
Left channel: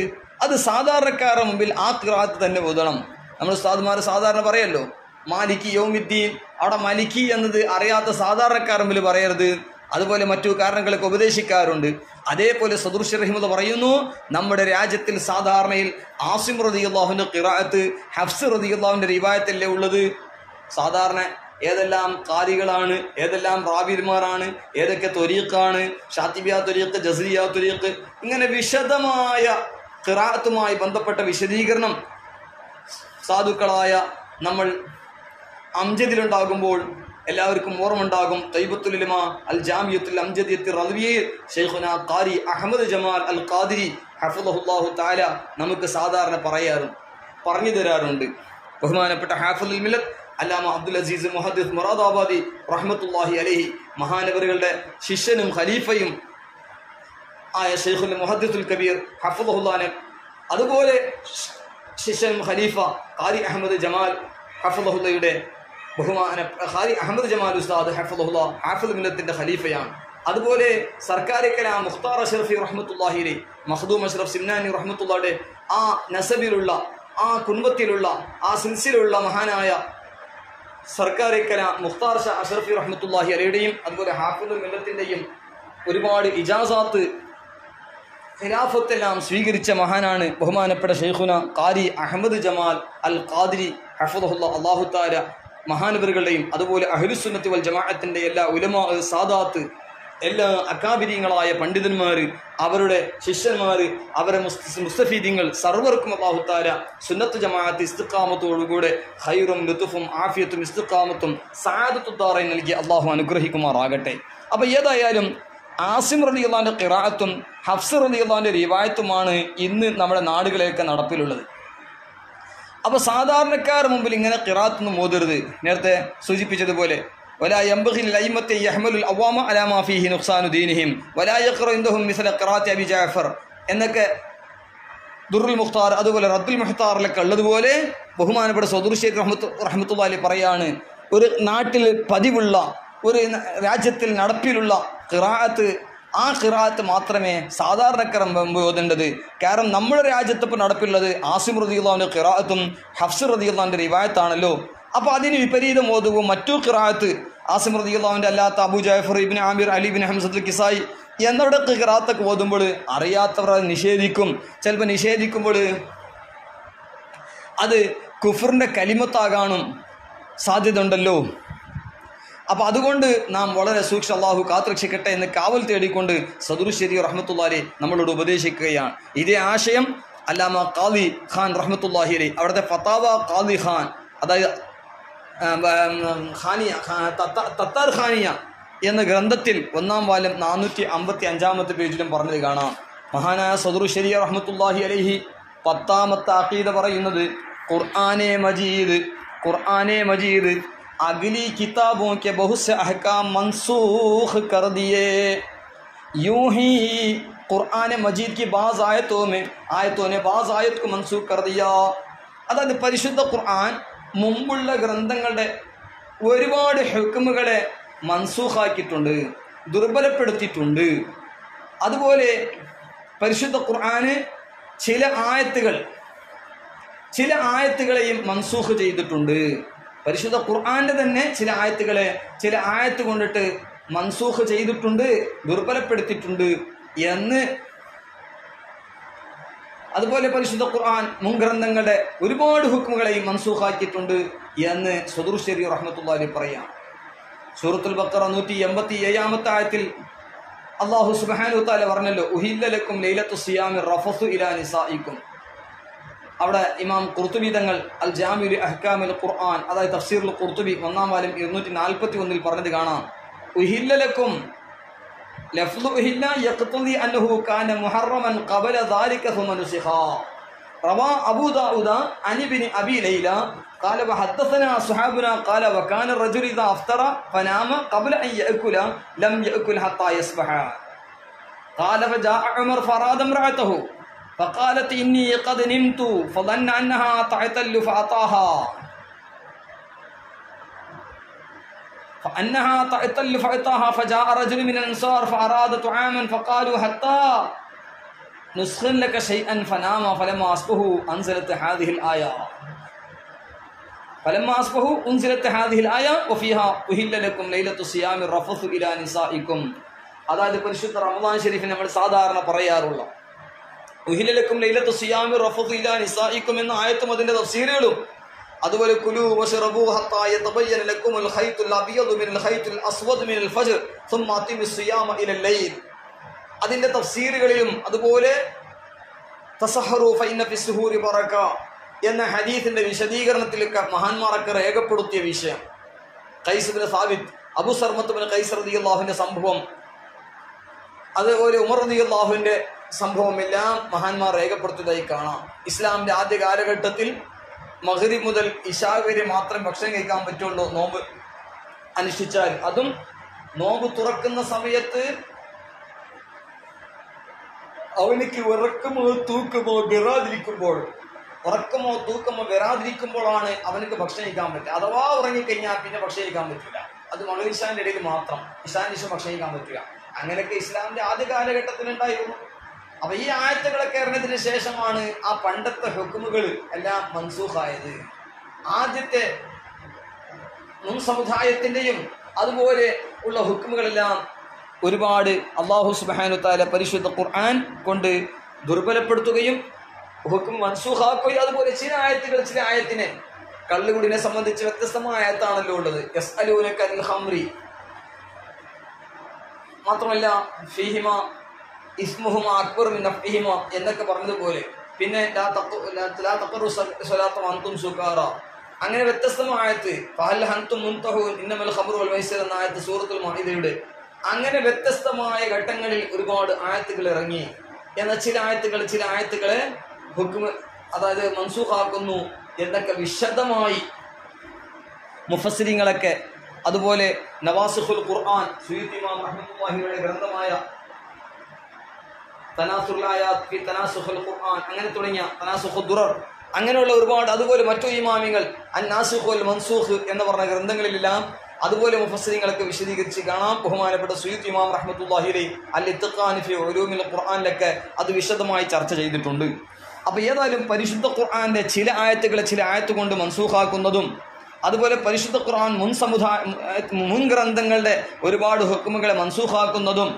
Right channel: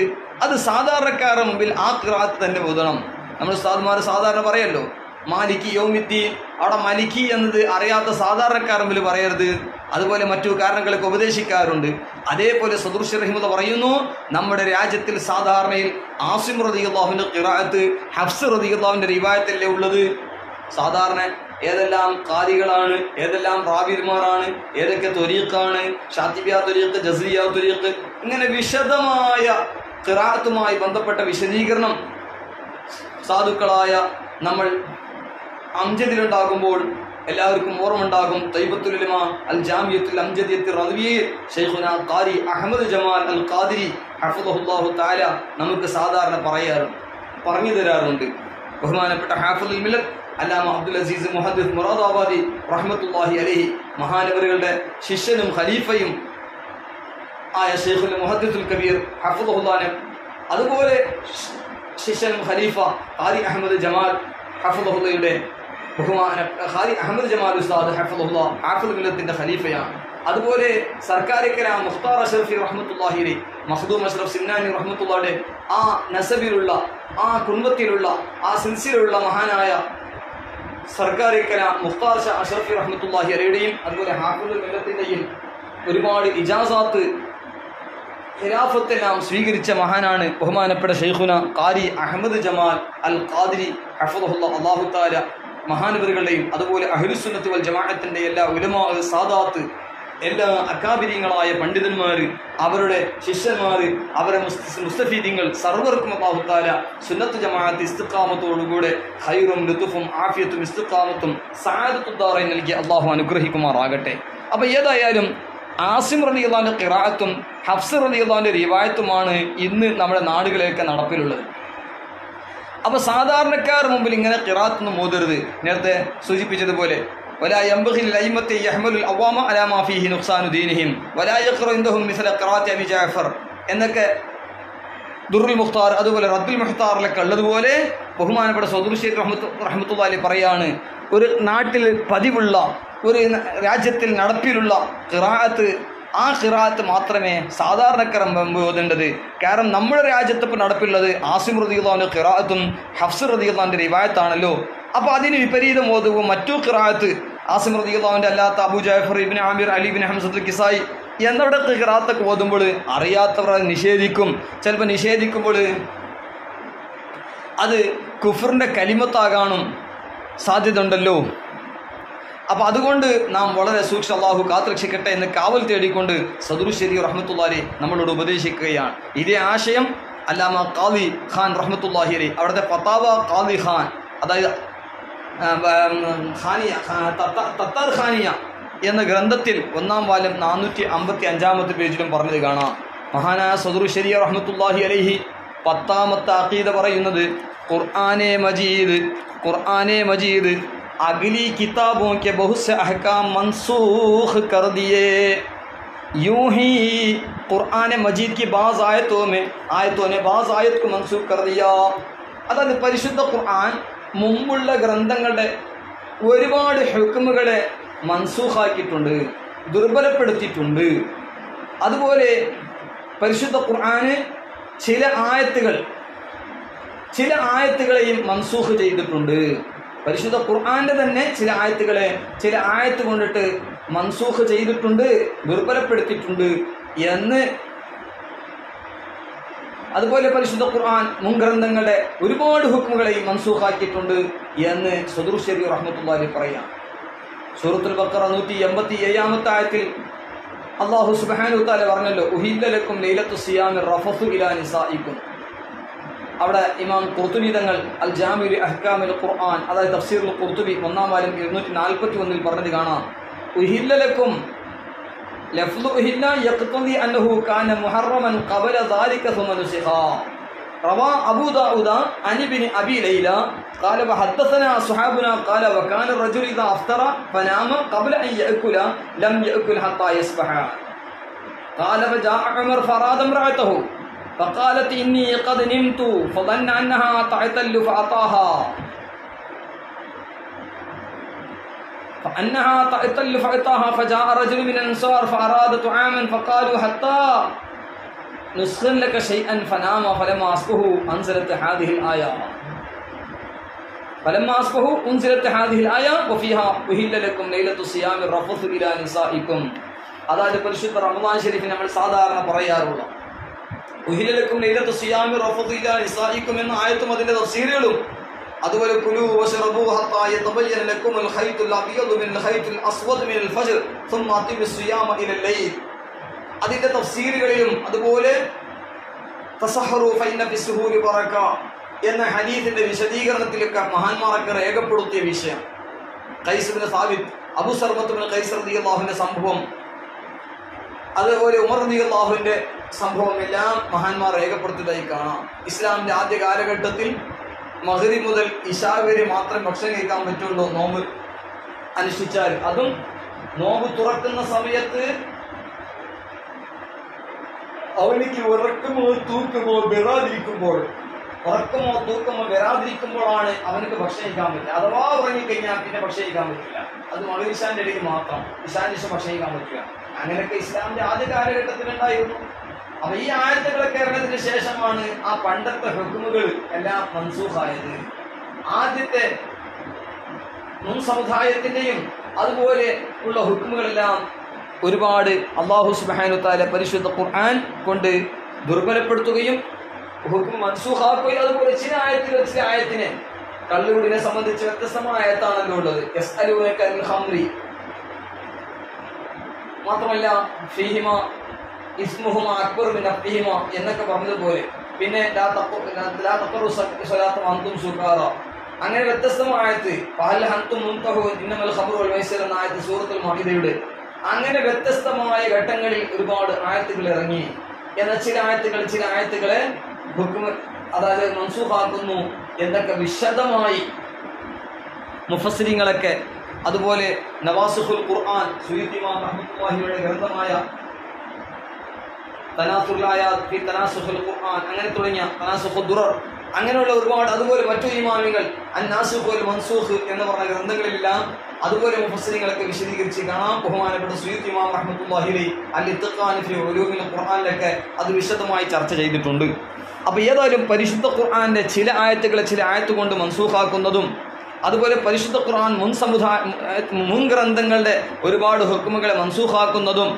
അത് സാധാരണക്കാരുടെ മുമ്പിൽ ആ ഖിറാഅത്ത് തന്നെ ഓതണം. നമ്മൾ ഉസ്താദ്മാർ സാധാരണ പറയല്ലോ മാലിക്കി യൗമിദ്ദീൻ, അവിടെ മലിക്കി എന്നത് അറിയാത്ത സാധാരണക്കാരുടെ മുമ്പിൽ പറയരുത്. അതുപോലെ മറ്റു കാരണങ്ങളൊക്കെ ഉപദേശിക്കാറുണ്ട്. അതേപോലെ സദറുശരി റഹിമത്തുള്ളാഹി പറയുന്നു, നമ്മുടെ രാജ്യത്തിൽ സാധാരണയിൽ ആസിം റളിയല്ലാഹുവിന്റെ ഖിറാഅത്ത് ഹഫ്സ് റളിയല്ലാഹുവിന്റെ റിവായത്തല്ലേ ഉള്ളത്. സാധാരണ ഏതെല്ലാം ഖാരികളാണ്, ഏതെല്ലാം റാവിമാരാണ്, ഏതൊക്കെ ത്വരീഖാണ്, ഷാത്തിബിയ ത്വരീഖ്, ജസ്രിയ ത്വരീഖ്, ഇങ്ങനെ വിശദമായ ഖിറാഅത്തുമായി ബന്ധപ്പെട്ട വിശദീകരണം സാധുക്കളായ നമ്മൾ അംജദിലുണ്ടാകുമ്പോൾ എല്ലാവർക്കും ഓർമ്മയുണ്ടാകും. തൈബത്തുൽ ഉലമ അൽ Jamiathul അംജദിയത്തുൽ റദ്വിയയിൽ ശൈഖുനാ ഖാരി Ahmad Jamal Al Qadiri ഹഫിളഹുല്ലാഹു തആല നമുക്ക് സാധാരണ പറഞ്ഞു തരാറുണ്ട്. ബഹുമാനപ്പെട്ട ഹാഫിളുൽ മില്ലത്ത് അല്ലാമ അബ്ദുൽ അസീസ് മുഹദ്ദിസ് മുറാദാബാദി റഹ്മത്തുള്ളാഹി അലൈഹി മഹാനവറുകളുടെ ശിഷ്യനും ഖലീഫയും ആയ ശൈഖുൽ മുഹദ്ദിസുൽ കബീർ ഹഫിളഹുല്ലാഹു, അതുപോലെ ശിഷ്യൻ ഖലീഫ ഖാരി അഹ്മദ് ജമാൽ ഹഫിളഹുല്ലയുടെ ബഹുമാന ഖാരി അഹമ്മദ് ജമാൽ ഉസ്താദ് ഹഫിളഹുല്ലാ ഹാഫിൾ മില്ലത്തിന്റെ ഖലീഫയാണ്. അതുപോലെ സർക്കാരി കലാം മുഖ്താർ അഷ്റഫി റഹ്മത്തുള്ളാഹി അലൈഹി, മഖ്ദൂം അഷ്റഫ് സിംനാനി റഹ്മത്തുള്ളാഹിയുടെ ആ നസബിലുള്ള ആ കുടുംബത്തിലുള്ള ആ സിൽസിലുള്ള മഹാനായ സർക്കാരി കലാം മുഖ്താർ അഷ്റഫി റഹ്മത്തുള്ളാഹി അലൈഹിയുടെയും അതുപോലെ ഹാഫിളുൽ മില്ലത്തിന്റെയും ഒരുപാട് ഇജാസാത്ത് ഖിലാഫത്തെല്ലാം സ്വീകരിച്ച മഹാനാണ് ബഹുമാനപ്പെട്ട ശൈഖുന ഖാരി അഹമ്മദ് ജമാൽ അൽ ഖാദിരി ഹഫിളഹുല്ലാ. അല്ലാഹു തആല മഹാനവറുകളുടെയും അതുപോലെ അഹ്ലുസുന്നത്തി വൽ ജമാഅത്തിന്റെ എല്ലാ ഉലമാ സാദാത്ത്, എല്ലാ അകാബിരീങ്ങളായ പണ്ഡിതന്മാർ, അവരുടെ ശിഷ്യന്മാർ, അവരെ മുസ്തഫീദീങ്ങൾ സർവർക്കും അല്ലാഹു തആല സുന്നത്ത് ജമാഅത്ത് ഇസ്തിഖാമത്തോടുകൂടെ ഖൈറും ലുത്ഫും ആഫിയത്തും ഇസ്തിഖാമത്തും സഅദത്തുദ്ദാറൈൻ നൽകി അല്ലാഹു അനുഗ്രഹിക്കുമാറാകട്ടെ. അപ്പോൾ ഏതായാലും ആസിം റളിയല്ലാഹുവിന്റെ ഖിറാഅത്തും ഹഫ്സ് റളിയല്ലാഹുവിന്റെ റിവായത്തുമാണ് ഇന്ന് നമ്മുടെ നാടുകളിലൊക്കെ നടപ്പിലുള്ളത്. അപ്പോൾ സാധാരണക്കാർ മുമ്പിൽ ഇങ്ങനെ ഖിറാഅത്തൊന്നും ഓതരുത്. നേരത്തെ സൂചിപ്പിച്ചതുപോലെ ولا ينبغي للأئمة أن يحملوا العوام على ما فيه نقصان دينهم ولا يقرأ عندهم مثل قراءة أبي جعفر എന്നൊക്കെ ദുറുൽ മുഖ്താർ അതുപോലെ റദ്ദുൽ മുഖ്താറിലൊക്കെ ഉള്ളതുപോലെ ബഹുമാനപ്പെട്ട സദുർശേഖ് റഹ്മത്തുള്ളാഹി പറയാണ്, ഒരു നാട്ടിൽ പതിവുള്ള ഒരു രാജ്യത്തിൽ നടപ്പിലുള്ള ഖിറാഅത്ത്, ആ ഖിറാഅത്ത് മാത്രമേ സാധാരണക്കാരൻ ഓതേണ്ടത്. കാരണം നമ്മുടെ രാജ്യത്തിപ്പോൾ നടപ്പിലുള്ളത് ആസിം റളിയല്ലാഹുവിൻ്റെ ഖിറാഅത്തും ഹഫ്സ് റളിയല്ലാഹുവിൻ്റെ റിവായത്താണല്ലോ. അപ്പോൾ അതിന് വിപരീതം ഓതുമ്പോൾ മറ്റു ഖിറാഅത്ത് ആസിം റളിയല്ലാഹുവിൻ്റെ അല്ലാത്ത അബൂ ജഅഫർ ഇബ്നു ആമിർ അലി ഇബ്നു ഹംസത്തുൽ കിസായി എന്നവിടെ ഖിറാഅത്തൊക്കെ ഓതുമ്പോൾ അറിയാത്തവർ അത് നിഷേധിക്കും. ചിലപ്പോൾ നിഷേധിക്കുമ്പോൾ അത് കുഫറിൻ്റെ കലിമത്താകാനും സാധ്യത ഉണ്ടല്ലോ. അപ്പോൾ അതുകൊണ്ട് നാം വളരെ സൂക്ഷ്മ അല്ലാഹു കാത്തുരക്ഷിക്കട്ടെ എന്ന് കാവൽ തേടിക്കൊണ്ട് സദുർശേരി റഹ്മത്തുള്ളാഹി നമ്മളോട് ഉപദേശിക്കുകയാണ്. ഇതേ ആശയം അല്ലാമ ഖാദി ഖാൻ റഹ്മത്തുള്ളാഹി അലൈഹി അവിടുത്തെ ഫതാവ ഖാദി ഖാൻ, അതായത് തത്താർ ഖാനിയ എന്ന ഗ്രന്ഥത്തിൽ 1-ാം വാല്യം 455-ാമത്തെ പേജിലും പറഞ്ഞത് കാണാം. മഹാനായ സദുർശേരി റഹ്മത്തുള്ളാഹി അലൈഹി 10-ാമത്തെ അഖീദ പറയുന്നത്, ഖുർആനെ മജീദ് अगली किताबों के बहुत से अहकाम मनसूख कर दिए, यूं ही ഖുർആൻ മജീദ് की बाज़ आयतों ने बाज़ आयत को मनसूख कर दिया. അതായത് പരിശുദ്ധ ഖുർആൻ മുമ്പുള്ള ഗ്രന്ഥങ്ങളുടെ ഒരുപാട് ഹുക്മുകളെ മൻസൂഖാക്കിയിട്ടുണ്ട്, ദുർബലപ്പെടുത്തിയിട്ടുണ്ട്. അതുപോലെ പരിശുദ്ധ ഖുർആന് ചില ആയത്തുകളെയും മൻസൂഖ് ചെയ്തിട്ടുണ്ട്. പരിശുദ്ധ ഖുർആന്റെ തന്നെ ചില ആയത്ത് കൊണ്ടിട്ട് മൻസൂഖ് ചെയ്തിട്ടുണ്ട്, ദുർബലപ്പെടുത്തിയിട്ടുണ്ട് എന്ന്. അതുപോലെ പരിശുദ്ധ ഖുർആൻ മുൻഗ്രന്ഥങ്ങളുടെ ഒരുപാട് ഹുക്മുകളെയും മൻസൂഖാക്കിയിട്ടുണ്ട് എന്ന് സദുർശേരി റഹ്മത്തുള്ളാഹി പറയാം. സൂറത്തുൽ ബഖറ 187-ാമത്തെ ആയത്തിൽ അല്ലാഹു സുബ്ഹാനഹു വതആല പറഞ്ഞല്ലോ, ഉഹില്ല ലക്കും ലൈലത്തു സിയാമി റഫസു ഇലാ നിസായിക്കും. അവിടെ ഇമാം ഖുർത്തുബി തങ്ങൾ അൽ ജാമിഉൽ അഹ്കാമുൽ ഖുർആൻ, അതായത് തഫ്സീറുൽ ഖുർത്തുബി 1-ാം വാല്യം 241 പറഞ്ഞത് കാണാം. ഉഹില്ല ലക്കും ലഫ്ളു ഉഹില്ല യഖ്തദി അന്നഹു കാന മുഹറമൻ ഖബല ദാലിക സുമ നുസിഖ. റവാ അബൂ ദാവൂദ അൻ ഇബ്നു അബീ ലൈല ഖാല വഹദ്ദസനാ അസ്ഹാബുനാ ഖാല വകാന റജുലു ഇദാ അഫ്തറ ഫനാമ ഖബല അൻ യഅകുല ലം യഅകുൽ ഹത്താ യസ്ബഹ. ഖാല വജാഅ ഉമർ ഫറാദ ഇംറഅതഹു فقالت إني قد نمت فظن أنها تعتل فأتاها فجاء رجل من الأنصار فأراد طعاما فقالوا حتى نسخن لك شيئا فنام فلما أصبح أنزلت هذه الآية وفيها أحل لكم ليلة الصيام الرفث إلى نسائكم. അതായത് പരിശുദ്ധ റമദാൻ ഷരീഫിൽ നമ്മൾ സാധാരണ പറയാറുള്ള ഉഹിലലക്കും ലൈലത്തു സിയാമി റഫദു ഇലാ നിസായിക്കും എന്ന ആയത്തും അതിന്റെ തഫ്സീറുകളും, അതുപോലെ കുലൂ വശറബൂ ഹത്താ യതബയ്യന ലക്കുമുൽ ഖൈത്തുൽ അബിയദു മിനൽ ഖൈത്തുൽ അസ്വദ് മിനൽ ഫജ്ർ സുമ്മ അത്തിമിസ് സിയാമ ഇലൽ ലൈൽ അതിന്റെ തഫ്സീറുകളിലും, അതുപോലെ തസഹറു ഫഇന്ന ഫിസ്സുഹൂരി ബറക എന്ന ഹദീസിന്റെ വിശദീകരണത്തിലൊക്കെ മഹാന്മാരൊക്കെ രേഖപ്പെടുത്തിയ വിഷയം. ഖൈസ് ഇബ്നു സാബിത്ത്, അബൂ സർമത്ത് ഇബ്നു ഖൈസ് റളിയല്ലാഹുവിന്റെ സംഭവം, അതുപോലെ ഉമർ റളിയല്ലാഹുവിന്റെ സംഭവം എല്ലാം മഹാന്മാർ രേഖപ്പെടുത്തിയതായി കാണാം. ഇസ്ലാമിന്റെ ആദ്യ കാലഘട്ടത്തിൽ മഗ്രിബ് മുതൽ ഇശാ വരെ മാത്രം ഭക്ഷണം കഴിക്കാൻ പറ്റുള്ളൂ നോമ്പ് അനുഷ്ഠിച്ചാൽ. അതും നോമ്പ് തുറക്കുന്ന സമയത്ത് അവനിക്ക് ഉറക്കമോ തൂക്കമോ വരാതിരിക്കുമ്പോഴാണ് അവനക്ക് ഭക്ഷണം കഴിക്കാൻ പറ്റുക. അഥവാ ഉറങ്ങിക്കഴിഞ്ഞാൽ പിന്നെ ഭക്ഷണം കഴിക്കാൻ പറ്റില്ല. അത് മഗ്രിബ് ഇശാന്റെ ഇടയ്ക്ക് മാത്രം, ഇശാന്റെ ശേഷം ഭക്ഷണം കഴിക്കാൻ പറ്റുക. അങ്ങനെയൊക്കെ ഇസ്ലാമിന്റെ ആദ്യ കാലഘട്ടത്തിൽ ഉണ്ടായിരുന്നു. അപ്പൊ ഈ ആയത്തുകളൊക്കെ ഇറങ്ങിയതിനു ശേഷമാണ് ആ പണ്ടത്തെ ഹുക്മുകൾ എല്ലാം മൻസൂഖായത്. ആദ്യത്തെ മുൻ സമുദായത്തിന്റെയും അതുപോലെ ഉള്ള ഹുക്മുകളെല്ലാം ഒരുപാട് അല്ലാഹു സുബ്ഹാനഹു വതആല പരിശുദ്ധ ഖുർആൻ കൊണ്ട് ദുർബലപ്പെടുത്തുകയും ഹുക്ം മൻസൂഖാക്കുകയും, അതുപോലെ ചില ആയത്തിനെ കള്ളുകുടിനെ സംബന്ധിച്ച് വ്യത്യസ്തമായ ആയത്താണല്ലോ ഉള്ളത്. യസ്അലൂനക അനിൽ ഖംറി, മാത്രമല്ല ഫീഹിമ ഇസ്മുഹുമ അക്ബർ മിൻ നഫ്ഇഹിമ എന്നൊക്കെ പറഞ്ഞതുപോലെ, പിന്നെ ലാ തഖറു സ്വലാത്ത വഅൻതും സുകാറ, അങ്ങനെ വ്യത്യസ്തമായ ആയത്ത് ഫഹൽ അൻതും മുൻതഹൂൻ ഇന്നമൽ ഖംറു വൽ മൈസിർ എന്ന ആയത്ത് സൂറത്തുൽ മാഇദയുടെ. അങ്ങനെ വ്യത്യസ്തമായ ഘട്ടങ്ങളിൽ ഒരുപാട് ആയത്തുകൾ ഇറങ്ങി. എന്നാൽ ചില ആയത്തുകളെ ഹുക്ം, അതായത് മൻസൂഖാക്കുന്നു എന്നൊക്കെ വിശദമായി മുഫസ്സിരിങ്ങളൊക്കെ, അതുപോലെ നവാസിഖുൽ ഖുർആൻ സുയൂത്തി ഇമാം റഹ്മത്തുള്ളാഹിയുടെ ഗ്രന്ഥമായ തനാസുൽ ആയാത്ത് ഫി തനാസുഖുൽ ഖുർആൻ, അങ്ങനെ തുടങ്ങിയ തനാസുഖുദ് ദുറർ, അങ്ങനെയുള്ള ഒരുപാട്, അതുപോലെ മറ്റു ഇമാമികൾ അന്നാസുഖ് വൽ മൻസൂഖ് എന്ന് പറഞ്ഞ ഗ്രന്ഥങ്ങളിലെല്ലാം അതുപോലെ മുഫസ്സിരിങ്ങളൊക്കെ വിശദീകരിച്ച് കാണാം. ബഹുമാനപ്പെട്ട സുയൂത്തി ഇമാം റഹ്മത്തുള്ളാഹി അലൈഹി അൽ ഇത്ഖാൻ ഫി ഉലൂമിൽ ഖുർആനിലൊക്കെ അത് വിശദമായി ചർച്ച ചെയ്തിട്ടുണ്ട്. അപ്പോൾ ഏതായാലും പരിശുദ്ധ ഖുർആന്റെ ചില ആയത്തുകളെ ചില ആയത്ത് കൊണ്ട് മൻസൂഖാക്കുന്നതും, അതുപോലെ പരിശുദ്ധ ഖുർആൻ മുൻ ഗ്രന്ഥങ്ങളുടെ ഒരുപാട് ഹുക്മുകളെ മൻസൂഖാക്കുന്നതും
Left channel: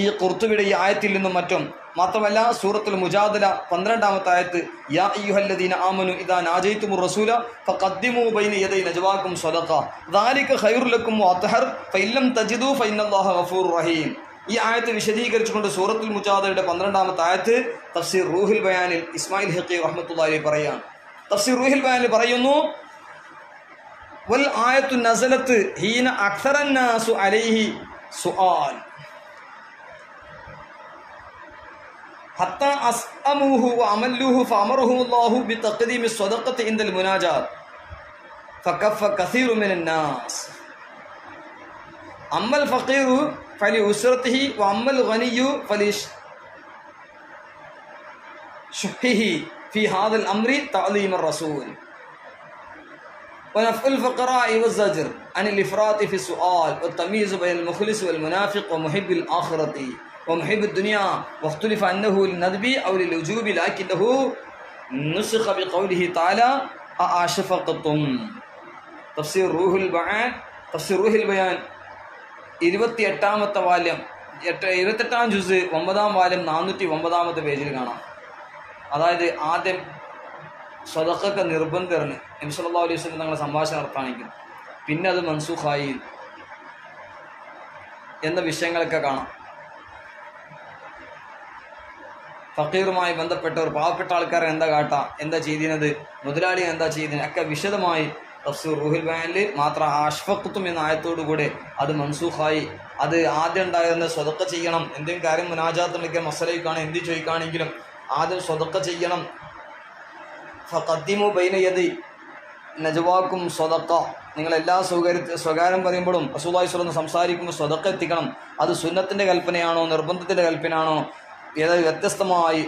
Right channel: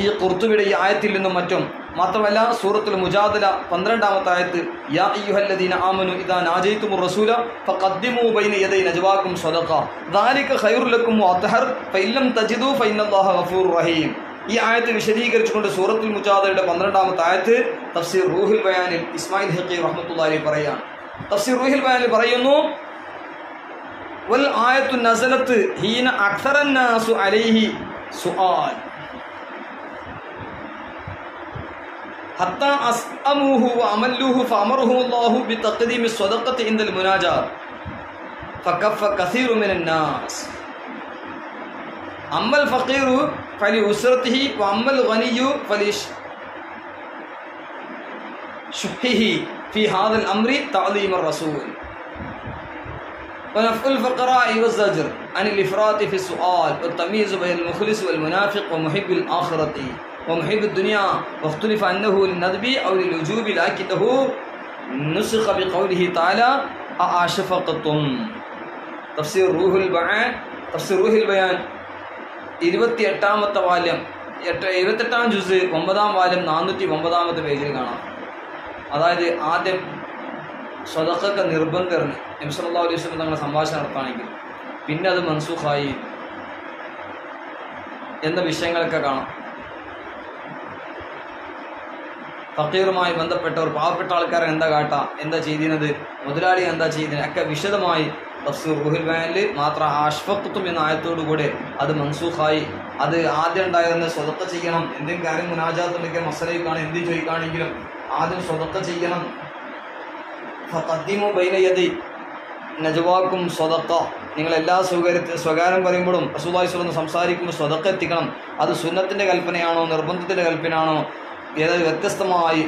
ഈ ഖുർത്തുബിയുടെ ഈ ആയത്തിൽ നിന്നും മറ്റും. മാത്രമല്ല സൂറത്തുൽ മുജാദല 12-ാമത്തെ ആയത്ത്, യാ അയ്യുഹല്ലദീന ആമനു ഇദാ നാജയ്തുമുർ റസൂല ഫഖദ്ദിമൂ ബൈന യദൈ നജ്വാകും സദഖ ദാലിക ഖൈറുൽ ലക്കും വഅത്ഹർ ഫഇല്ലം തജിദൂ ഫഇന്നല്ലാഹ ഗഫൂറുർ റഹീം. ഈ ആയത്ത് വിശദീകരിച്ചുകൊണ്ട് സൂറത്തുൽ മുജാദലയുടെ 12-ാമത്തെ ആയത്ത് തഫ്സീർ റൂഹുൽ ബയാനിൽ ഇസ്മായിൽ ഹഖീ റഹ്മത്തുള്ളാഹി അലൈഹി പറയാണ്. തഫ്സീർ റൂഹുൽ ബയാനിൽ പറയുന്നു, വൽ ആയത്തു നസലത്ത് ഹീന അക്സറൻ നാസു അലൈഹി സുആൽ ഹത്താ അസ്അമൂഹു വഅമല്ലൂഹു ഫഅമറഹുല്ലാഹു ബിതഖ്ദീമി സ്വദഖത്തി ഇൻദൽ മുനാജാത്ത് ഫകഫ കസീറു മിനൻ നാസ് അമ്മൽ ഫഖീറു ഫലി ഉസ്റതിഹി വഅമ്മൽ ഗനിയ്യു ഫലി ശുഹിഹി ഫി ഹാദൽ അംരി തഅലീമർ റസൂൽ ونفع الفقراء والزجر عن الإفراط في السؤال والتمييز بين المخلص والمنافق ومحب الآخرة ومحب الدنيا واختلف أنه للندب أو للوجوب لكنه نسخ بقوله تعالى أأشفقتم. തഫ്സീർ റൂഹുൽ ബയാൻ 28-ാമത്തെ വാല്യം 28-ാം ജുസ് 9-ാം വാല്യം 409-ാമത്തെ പേജിൽ കാണാം. അതായത് ആദ്യം സ്വദഖക്ക് നിർബന്ധമാണ് നബി സല്ലല്ലാഹു അലൈഹി വസല്ലം തങ്ങളെ സംഭാഷണം നടത്താണെങ്കിൽ, പിന്നെ അത് മൻസൂഖായി എന്ന വിഷയങ്ങളൊക്കെ കാണാം. ഫക്കീറുമായി ബന്ധപ്പെട്ടവർ, പാവപ്പെട്ട ആൾക്കാരെ എന്താ കാട്ടാ, എന്താ ചെയ്തിരുന്നത്, മുതലാളി എന്താ ചെയ്തിരുന്നത് ഒക്കെ വിശദമായി തഫ്സീർ റൂഹുൽ ബയാനിൽ മാത്രം അഷ്ഫഖ്തും എന്ന ആയത്തോടുകൂടെ അത് മൻസൂഖായി. അത് ആദ്യം ഉണ്ടായിരുന്ന സ്വദഖ ചെയ്യണം, എന്തെങ്കിലും കാര്യം മുനാജാത്തുണ്ടെങ്കിൽ മസലയ്ക്കാണ് എന്ത് ചോദിക്കുകയാണെങ്കിലും ആദ്യം സ്വദഖ ചെയ്യണം. ഫഖദ്ദിമു ബൈന യദി നജ്വാക്കും സ്വദഖ, നിങ്ങൾ എല്ലാ സ്വകാര്യം പറയുമ്പോഴും റസൂലുള്ളാഹി സ്വല്ലല്ലാഹു അലൈഹി വസല്ലം സംസാരിക്കുമ്പോൾ സ്വദഖ എത്തിക്കണം. അത് സുന്നത്തിൻ്റെ കൽപ്പനയാണോ നിർബന്ധത്തിൻ്റെ കൽപ്പനയാണോ, ഏതായാലും വ്യത്യസ്തമായി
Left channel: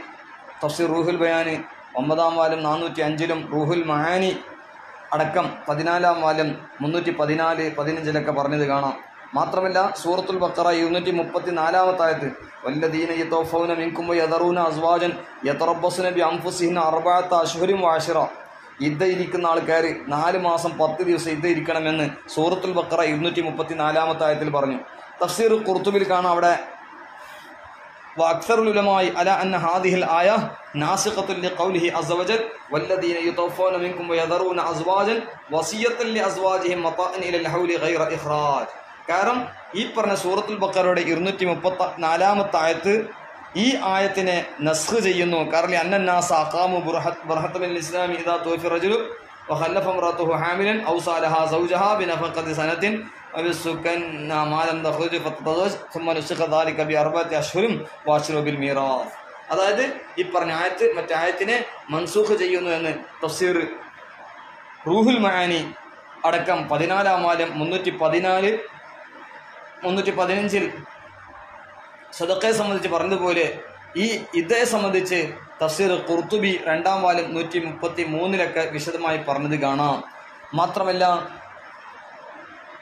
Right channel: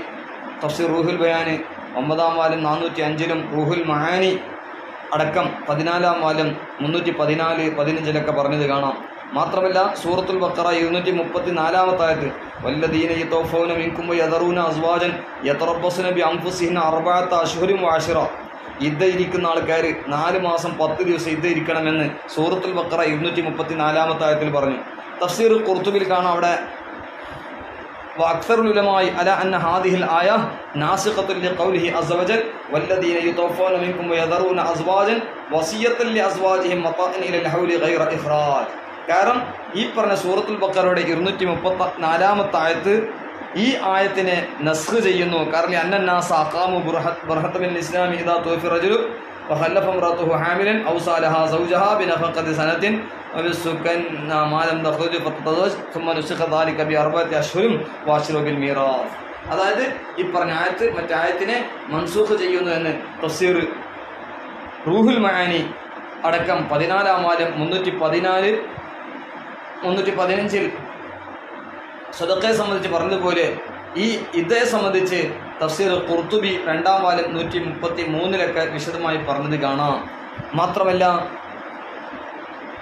തഫ്സീർ റൂഹുൽ ബയാന് 9-ാം വാല്യം 405-ലും റൂഹുൽ മആനി അടക്കം 14-ാം വാല്യം 314, 15-ലൊക്കെ പറഞ്ഞത് കാണാം. മാത്രമല്ല സൂറത്തുൽ ബഖറ 234-ാമത്തെ ആയത്ത്, വല്ലദീന യതവഫൗന മിൻകും വയദറൂന അസ്വാജൻ യതറബ്ബസുന ബിഅൻഫുസിഹിന്ന 4 അശ്ഹുരും വഅശ്റ, ഇദ്ദ ഇരിക്കുന്ന ആൾക്കാർ 4 മാസം 10 ദിവസം ഇദ്ദ ഇരിക്കണമെന്ന് സൂറത്തുൽ ബഖറ 234-ാമത്തെ ആയത്തിൽ പറഞ്ഞു. തഫ്സീർ ഖുർത്തുബിൽ കാണാം, അവിടെ വഅക്സറുൽ ഉലമായി അല അന്ന ഹാദിഹിൽ ആയ നാസിഖത്തുൻ ലിഖൗലിഹി അസ്സ വജൽ വല്ലദീന യതവഫൗന മിൻകും വയദറൂന അസ്വാജൻ വസിയത്തൻ ലിഅസ്വാജിഹിം മതാഅൻ ഇലൽ ഹൗലി ഗൈറ ഇഖ്റാജ്. കാരണം ഈ പറഞ്ഞ സൂറത്തുൽ ബഖറയുടെ 234-ാമത്തെ ആയത്ത് ഈ ആയത്തിനെ നസ്ഖ് ചെയ്യുന്നു. കാരണം അന്നന്നാസ അഖാമു ബർഹത്തമിൽ ഇസ്ലാമി ഇദാ തുവഫി റജുലു വഖല്ലഫ ഇംറഅതുഹു ഹാമിലൻ ഔ സാലഹാ സൗജഹാ ബിനഫഖതി സനത്തിൻ വബിസുക്കൻ മാ ലം തഖ്റുജ് ഫതതസവ്വജ് ثم نسخ ذلك بأربعة أشهر وأشهر بالميراث. അതായത് ഈ പറഞ്ഞ ആയത്ത് മറ്റേ ആയത്തിനെ മൻസൂഖ് ചെയ്യുന്നു എന്ന് തഫ്സീർ റൂഹുൽ മആനി അടക്കം 14-ാം വാല്യം 314, 315-ൽ സ്വദഖയെ സംബന്ധിച്ച് പറഞ്ഞതുപോലെ ഈ ഇദ്ദയെ സംബന്ധിച്ച് തഫ്സീർ ഖുർത്തുബി 2-ാം വാല്യം 133-ലൊക്കെ വിശദമായി പറഞ്ഞത് കാണാം. മാത്രമല്ല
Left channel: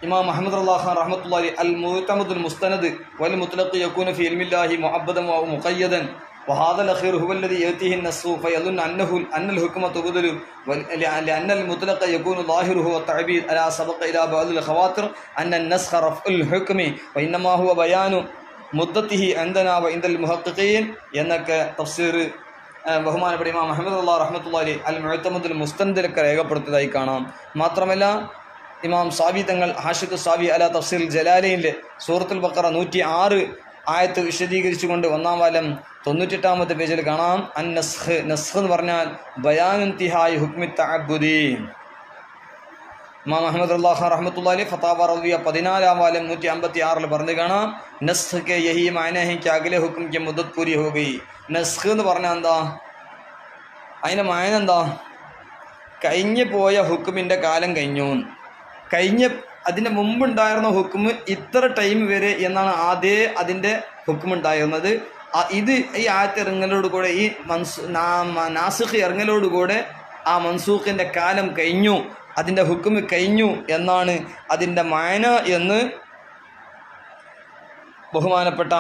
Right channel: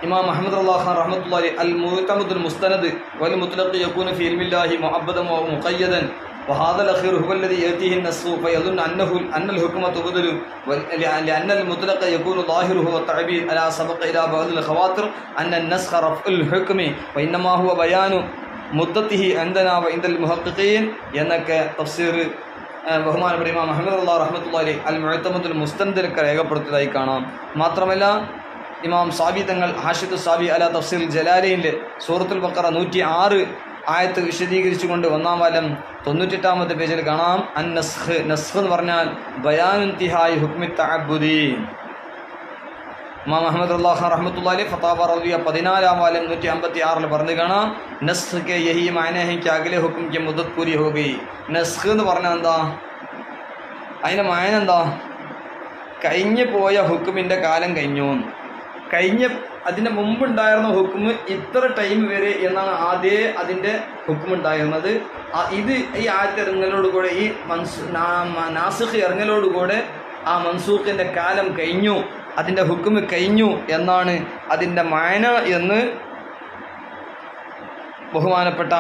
ഇമാം അഹ്മദ് ഖാൻ റഹ്മത്തുള്ളാഹി അലൈഹി അൽ മുഅ്തമദുൽ മുസ്തനദ് വൽ മുത്ലഖ് യകൂന ഫീ ഇൽമില്ലാഹി മുഅബ്ബദൻ വ മുഖയ്യദൻ وهذا الأخير هو الذي يأتيه النص فيظن أن الحكمة تبدل لأن المطلق يكون ظاهره والتعبير ألا سبق إلى بعض الخواطر أن النسخ رفع الحكم وإنما هو بيان مدته عندنا وعند المحققين എന്നൊക്കെ തഫ്സീർ ബഹുമാനപ്പെട്ട ഇമാം അഹ്മദ് റഹ്മത്തുള്ളാഹി അലൈഹി അൽ മുഅ്തമദുൽ മുസ്തനദിലൊക്കെ രേഖപ്പെടുത്തിയതായി കാണാം. മാത്രമല്ല ഇമാം സാബി തങ്ങൾ ഹാഷിദ് സാബി അല തഫ്സീർ ജലാലൈനിലെ സൂറത്തുൽ ബഖറ 106 ആയത്ത് വിശദീകരിച്ചുകൊണ്ട് 1-ാം വാല്യം 98-ാമത്തെ പേജിൽ കാണാം, അൻ നസ്ഖ് എന്ന് പറഞ്ഞാൽ ബയാനുൻതിഹായി ഹുക്മി തഅബ്ബുദി. ഇമാം അഹ്മദ് ഖാൻ റഹ്മത്തുള്ളാഹി അലൈഹി ഫതാവ റവിയ 14-ാം വാല്യം 156-ൽ പറഞ്ഞു കാണാം, നസ്ഖ് കെ യഹി മായന ഹൈ കി അഗ്ലെ ഹുക്ം കി മുദ്ദത്ത് പൂരി ഹോ ഗയി. നസ്ഖ് എന്ന് പറഞ്ഞാൽ എന്താ, അതിൻ്റെ മായന എന്താ, കഴിഞ്ഞു പോയ ഹുക്കുമിൻ്റെ കാലം കഴിഞ്ഞു, അതിൻ്റെ മുമ്പുണ്ടായിരുന്ന ഹുക്കുമ് ഇത്ര ടൈം വരെ എന്നാണ് ആദ്യമേ അതിൻ്റെ ഹുക്കുമുണ്ടായിരുന്നത്. ഇത് ഈ ആയത്ത് ഇറങ്ങലോടുകൂടെ ഈ നാസിഖ് ഇറങ്ങലോടുകൂടെ ആ മൻസൂഖിൻ്റെ കാലം കഴിഞ്ഞു, അതിൻ്റെ ഹുക്കുമ് കഴിഞ്ഞു എന്നാണ് അതിൻ്റെ മാന എന്ന് ബഹുമാനപ്പെട്ട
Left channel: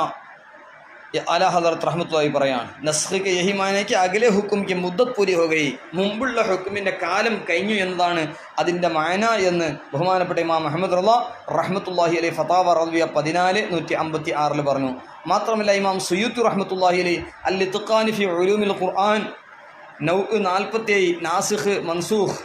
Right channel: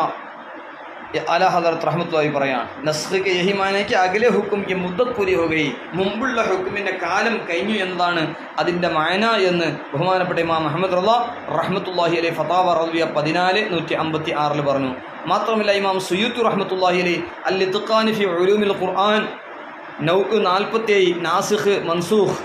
आला हज़रत रहमतुल्लाहि പറയാൻ. നസ്ഖ് के यही माने कि अगले हुक्म की मुद्दत पूरी हो गई, മുമ്പുള്ള ഹുക്കുമിൻ്റെ കാലം കഴിഞ്ഞു എന്നതാണ് അതിൻ്റെ മാന എന്ന് ബഹുമാനപ്പെട്ട ഇമാം മുഹമ്മദ് റള റഹ്മത്തുള്ളാഹി അലൈഹി ഫതാവ റളിയ 14 പറഞ്ഞു. മാത്രമല്ല ഇമാം സുയൂത്തി റഹ്മത്തുള്ളാഹി അലൈഹി അൽ ഇത്ഖാൻ ഫി ഉലൂമിൽ ഖുർആൻ നൗ 47 നാസിഖ് മൻസൂഖ്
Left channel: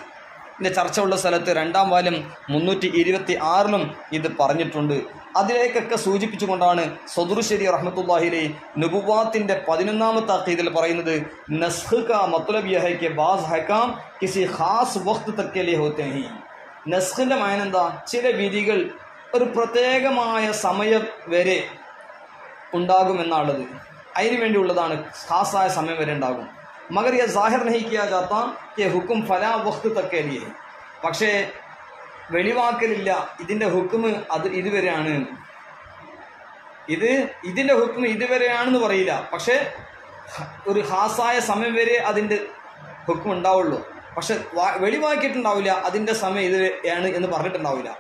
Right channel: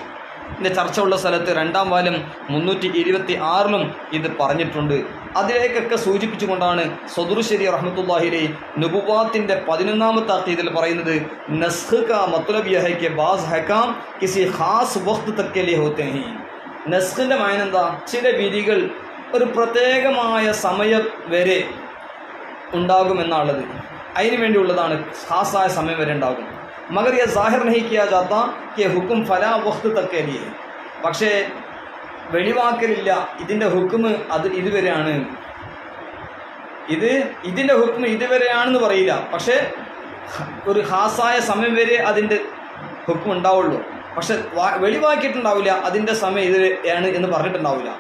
ചർച്ച ഉള്ള സ്ഥലത്ത് 2ാം വാല്യം 326 ഇത് പറഞ്ഞിട്ടുണ്ട്. അതിലേക്കൊക്കെ സൂചിപ്പിച്ചുകൊണ്ടാണ് സദറുശ്ശേരി റഹ്മത്തുള്ളാഹി അലൈഹി നുബുവാത്തിൻ്റെ 11ാമത്തെ അഖീദയിൽ പറയുന്നത് നസ്ഖ് കാ മത്ലബ് യഹ് ഹൈ കി bass ഹകാം കിസി Khas Waqt Tak K ലിയെ ഹോത്തെ high. നസ്ഖിൻ്റെ മാന എന്താ? ചില വിധികൾ ഒരു പ്രത്യേകമായ സമയം വരെ ഉണ്ടാകുമെന്നുള്ളത്, അതിനു വേണ്ടിയുള്ളതാണ്. ഖാസായ സമയം വരെ ഉണ്ടാകും. മഗർ യഹ് സാഹിർ നഹി കിയാ ജാത്ത കി ഹുക്ം ഫലാ വഖ്ത് തക് കെ ലിയെ. പക്ഷേ വെളിവാക്കലില്ല, ഇതിൻ്റെ ഹുക്മ് അത് ഇതുവരെയാണ്, ഇതിൻ്റെ ഹുക്മ് ഇതുവരെയാണെന്ന് പറയില്ല. പക്ഷേ ഒരു ഖാസായ സമയം വരെ അതിൻ്റെ ഹുക്മ് ഉണ്ടാവുള്ളൂ. പക്ഷെ വെളിവാക്കിയിട്ടുണ്ടാവില്ല, അതിൻ്റെ സമയം ഇതുവരെയാണ് എന്ന് പറഞ്ഞിട്ടുണ്ടാവില്ല.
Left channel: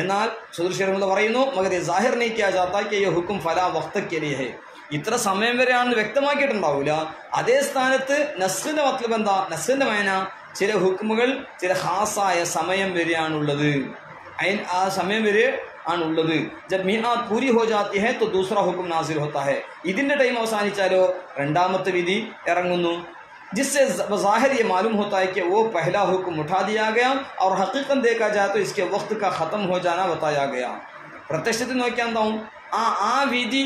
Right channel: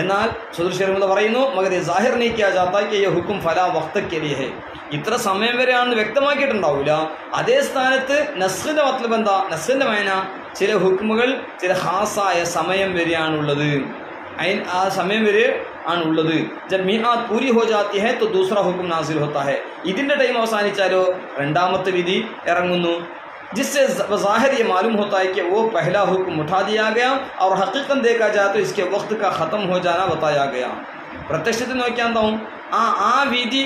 എന്നാൽ സദൃശരമത പറയുന്നു മഗർ സാഹിർ നീ കിയാ ജാത്ത കി യഹ് ഹുക്ം ഫലാ വഖ്ത് കെ ലിയെ ഹൈ, ഇത്ര സമയം വരെയാണെന്ന് വ്യക്തമാക്കിയിട്ടുണ്ടാവില്ല. അതേ സ്ഥാനത്ത് നസ്ഖിൻ്റെ മത്ലബ് എന്താ? നസ്ഖിൻ്റെ മാന ചില ഹുക്മുകൾ ചില ഖാസായ സമയം വരെയാണുള്ളത്, ആ സമയം വരെ ആണുള്ളത്. ജബ് മിആത്ത് പൂരി ഹോ ജാത്തി ഹൈ തോ ദൂസറാ ഹുക്ം നാസിൽ ഹോത്താ ഹൈ. ഇതിൻ്റെ ടൈം അവസാനിച്ചാലോ 2ാമത്തെ വിധി ഇറങ്ങുന്നു. जिससे ज़ाहिर ये मालूम होता है कि वो पहला हुक्म उठा दिया गया और हकीकत देखा जाए तो इसके वक्त का ख़त्म हो जाना बताया गया. പ്രത്യക്ഷത്തിൽ നോക്കിയാൽ എന്താവും? ആ വിധി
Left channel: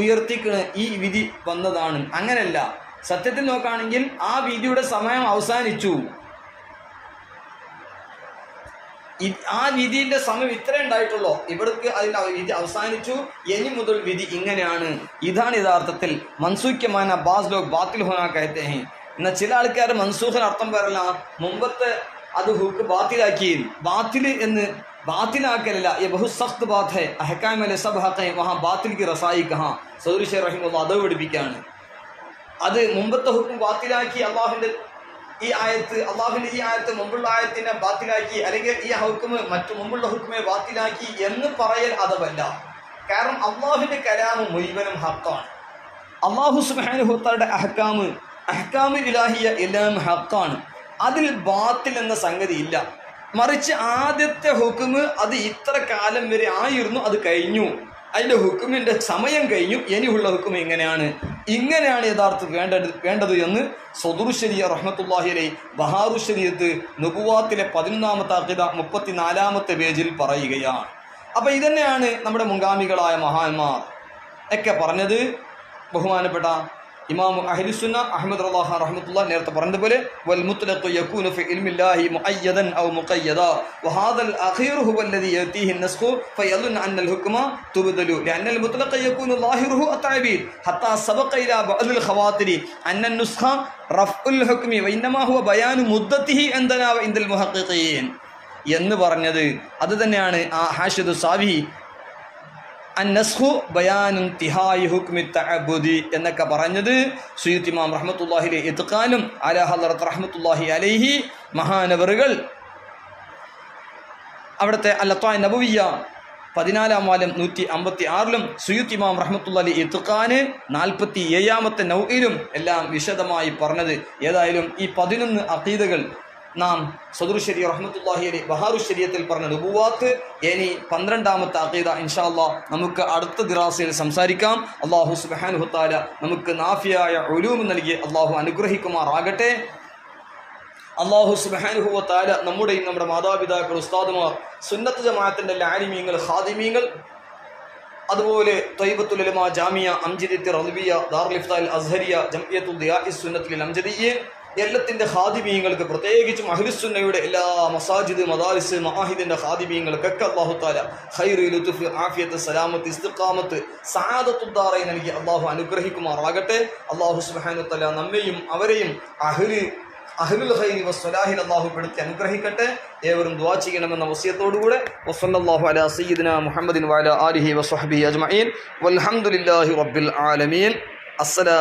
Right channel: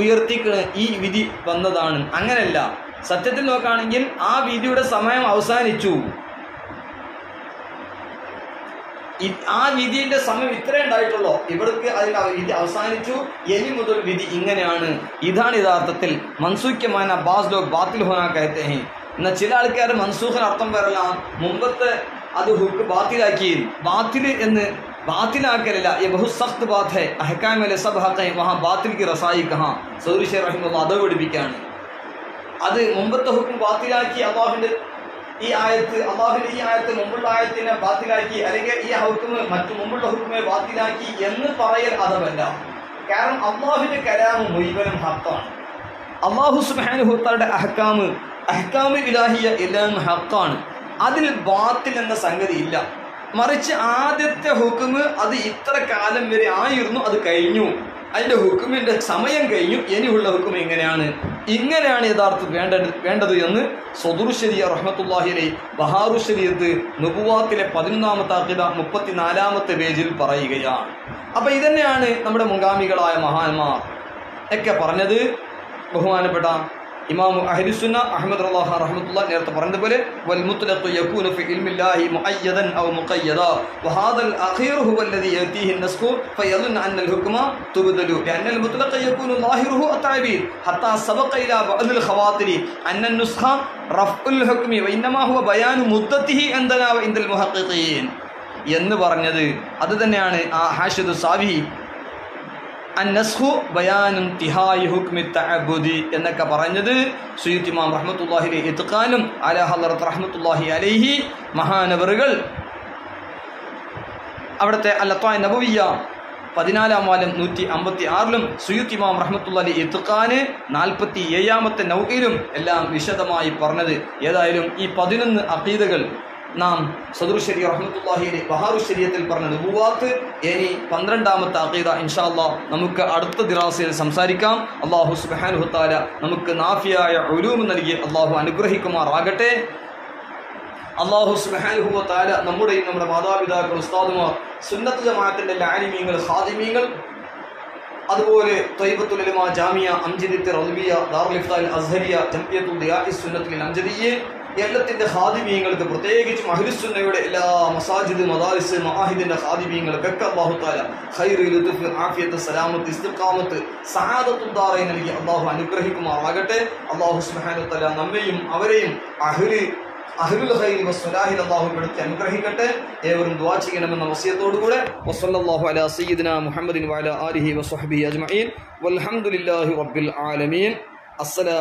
ഉയർത്തിക്ക് ഈ വിധി വന്നതാണ്. അങ്ങനെയല്ല, സത്യത്തിൽ നോക്കുകയാണെങ്കിൽ ആ വിധിയുടെ സമയം അവസാനിച്ചു, ആ വിധിയുടെ സമയം ഇത്രേ ഉണ്ടായിട്ടുള്ളൂ, ഇവിടേക്ക് അതിൻ്റെ വിധി അവസാനിച്ചു, ഇനി മുതൽ വിധി ഇങ്ങനെയാണ്. ഇതാണ് യഥാർത്ഥത്തിൽ മൻസൂഖ്യമാന ബാസ് ലോഗ് ബാത്തിൽ ഹോനാ കഹത്തെ ഹൈ. എന്നാൽ ചില ആൾക്കാർ മൻസൂഖിന് അർത്ഥം വരല, മുമ്പത്തെ അത് ഹുക്ക് ബാത്തിലാക്കി. ബാത്തിൽ എന്ന് ബാത്തിലാക്കലല്ല, ये बहुत सख्त बात है, अहकाम में सब हक है, वहाँ बातिल की रसाई कहाँ. സൗരി ഷെയ്ഖ് റഹിമഹുല്ലാഹ് അത് പഠിപ്പിക്കുകയാണ്. അത് മുമ്പത്തെ ഹുക്കും ബാത്തിലാക്കി, അള്ളാഹുവിൻ്റെ ഈ ആയത്ത് മുമ്പുള്ള ആയത്തിനെ ബാത്തിലാക്കി, അല്ലെങ്കിൽ ഈ ഹുക്കും മറ്റു മുമ്പുള്ള ഹുക്കുമെ ബാത്തിലാക്കി എന്ന് പറയൽ അതല്ല. കാരണം അള്ളാഹുവിൻ്റെ കലാമ് മുഴുവനും ഹക്കാണ്. അള്ളാഹു സുബ്ഹാനഹു വതആലയുടെ അഹ്കാമ് ഇലാഹിയ എല്ലാം ഹക്കാണ്. അതിൽ ബാത്തിൽ എന്ന സംഗതി ഇല്ല. മറിച്ച് ആദ്യത്തെ ഹുക്കുമ് അത് ഇത്ര കാലം വരെ ആയിരുന്നു, അത് കഴിഞ്ഞു, അതിൻ്റെ ഹുക്കുമിൻ്റെ സമയം കഴിഞ്ഞു, ഇനിയുള്ള ഹുക്കും ഇങ്ങനെയാണ് യഥാർത്ഥത്തിൽ വേണ്ടത് എന്ന് സദറുശ്ശരിയ റഹ്മത്തുള്ളാഹി അലൈഹി ബഹാറുശ്ശരിയത്ത് നുബുവാത്തിലെ 11ാമത്തെ അഖീദ 34ാമത്തെ പേജിൽ പറയുകയാണ്. അപ്പോൾ ഇതന്നെയാണ് നമ്മുടെ മുൻഗാമികളായ മഹാന്മാർ ഒക്കെ പറഞ്ഞത്. ബഹുമാനപ്പെട്ട ഇമാം അഹ്ലുസുന്ന അഹ്മദ് റഹ്മത്തുള്ളാഹി നേരത്തെ പറഞ്ഞതുപോലെ വൽ മുത്ലഖു യകൂനു ഫി ഇൽമില്ലാഹി മുഅയ്യദൻ ഔ മുഖയ്യദ വഹാദൽ അഖീർ ഹുവ അല്ലദി യതീഹി അൻ-നസ്ഖു ഫയظن അന്ന അൽ-ഹുക്മ തുബ്ദലു ലഅന്ന al-മുത്ലഖ യകൂനു ളാഹിറുഹു അത്തഅബീർ ഹത്താ സബഖ ഇലാ ബഅദ് al-ഖവാതിരി അന്ന അൻ-നുസ്ഖ റഫ്ഉൽ ഹുക്മി വഇന്നമാ ഹുവ ബയാനു മുദ്ദതിഹി ഇൻദനാ വഇൻദൽ മുഹഖഖീൻ എന്ന് പറഞ്ഞത് അത് തന്നെയാണ് ആ ഹാഷിദു സാവി അന്നസ്ഖു ബയാനുൻ തിഹായി ഹുക്മി തഅബ്ബുദി എന്നൊക്കെ പറഞ്ഞത് സുയൂത്തി ഇമാം റഹ്മത്തുള്ളാഹി അലൈഹി ഇത്ഖാനും അലാ ഹളറത്ത് റഹ്മത്തുള്ളാഹി അലൈഹി മഹാനവറുകൾ അവിടുത്തെ അൽ-ലത്വാ നബവിയ്യ 14ാം വാല്യം 156 സുയൂത്തി ഇമാം റഹ്മത്തുള്ളാഹി അലൈഹി ഇത്ഖാന് 47ാമത്തെ നൗഇലും എല്ലാം വിശദമായി പറഞ്ഞത്. ഏതായാലും ഈ 11 അഖീദകൾ നാം സദറുശ്ശരി റഹ്മത്തുള്ളാഹി അലൈഹി ബഹാറുശ്ശരിയത്തിൽ പറഞ്ഞ നുബുവാത്ത്, ഇനി 12ാമത്തെ അഖീദ ഇൻഷാ അല്ലാഹ് നമുക്ക് അടുത്ത ദിറാസയിൽ സംസാരിക്കാം. അല്ലാഹു സുബ്ഹാനഹു വതആല നമുക്ക് നാഫിയായ ഉലൂം നൽകി അല്ലാഹു അനുഗ്രഹിക്കുമാറാകട്ടെ. അല്ലാഹു സുബ്ഹാനഹു വതആല നമ്മുടെയും നമ്മുടെ മാതാപിതാക്കൾ, ഉസ്താദുമാർ, സുന്നത്ത് ജമാഅത്തിന്റെ ആലിമീങ്ങൾ, ഖാദിമീങ്ങൾ, അതുപോലെ ത്വയ്ബത്തുൽ ഉലമാ ജാമിയ, അംജദിയ്യ റളിയ, ദാറുൽ ഇഫ്താൽ അസ്ഹരിയ, ജംഇയ്യത്തുൽ ദിയാഇസ് സുന്നത്തുൽ അംജദിയ്യ എല്ലാത്തിൻ്റെ ഖാദിമീങ്ങൾക്ക്, പ്രത്യേകിച്ചും അഹ്ലുസുന്നയുടെ എല്ലാ മസാജിദ്, മദാരിസ്, മആഹിദിന്റെ ഖാദിമീങ്ങൾക്കൊക്കെ അല്ലാഹു തആല ഖൈറ്, ലുത്ഫ്, ആഫിയത്ത്, സലാമത്ത്, ഇസ്തിഖാമത്ത്, സആദത്തുൽ ദാറൈൻ നൽകി അല്ലാഹു അനുഗ്രഹിക്കുമാറാകട്ടെ. അല്ലാഹു സുബ്ഹാനഹു വ തആല നമ്മയും അവരെയും അഹ്ലുൽ ഖൈർ വസ്സലാഹിൽ അല്ലാഹു പെടുത്തി അനുഗ്രഹിക്കട്ടെ. ഏവരും ദുആ ചെയ്യണമെന്ന വസിയത്തോടുകൂടെ വസല്ലല്ലാഹു അലാ സയ്യിദിനാ മുഹമ്മദിൻ വഅലാ ആലിഹി വസ്വഹ്ബിഹി അജ്മഈൻ വൽഹംദുലില്ലാഹി റബ്ബിൽ ആലമീൻ. അസ്സലാം.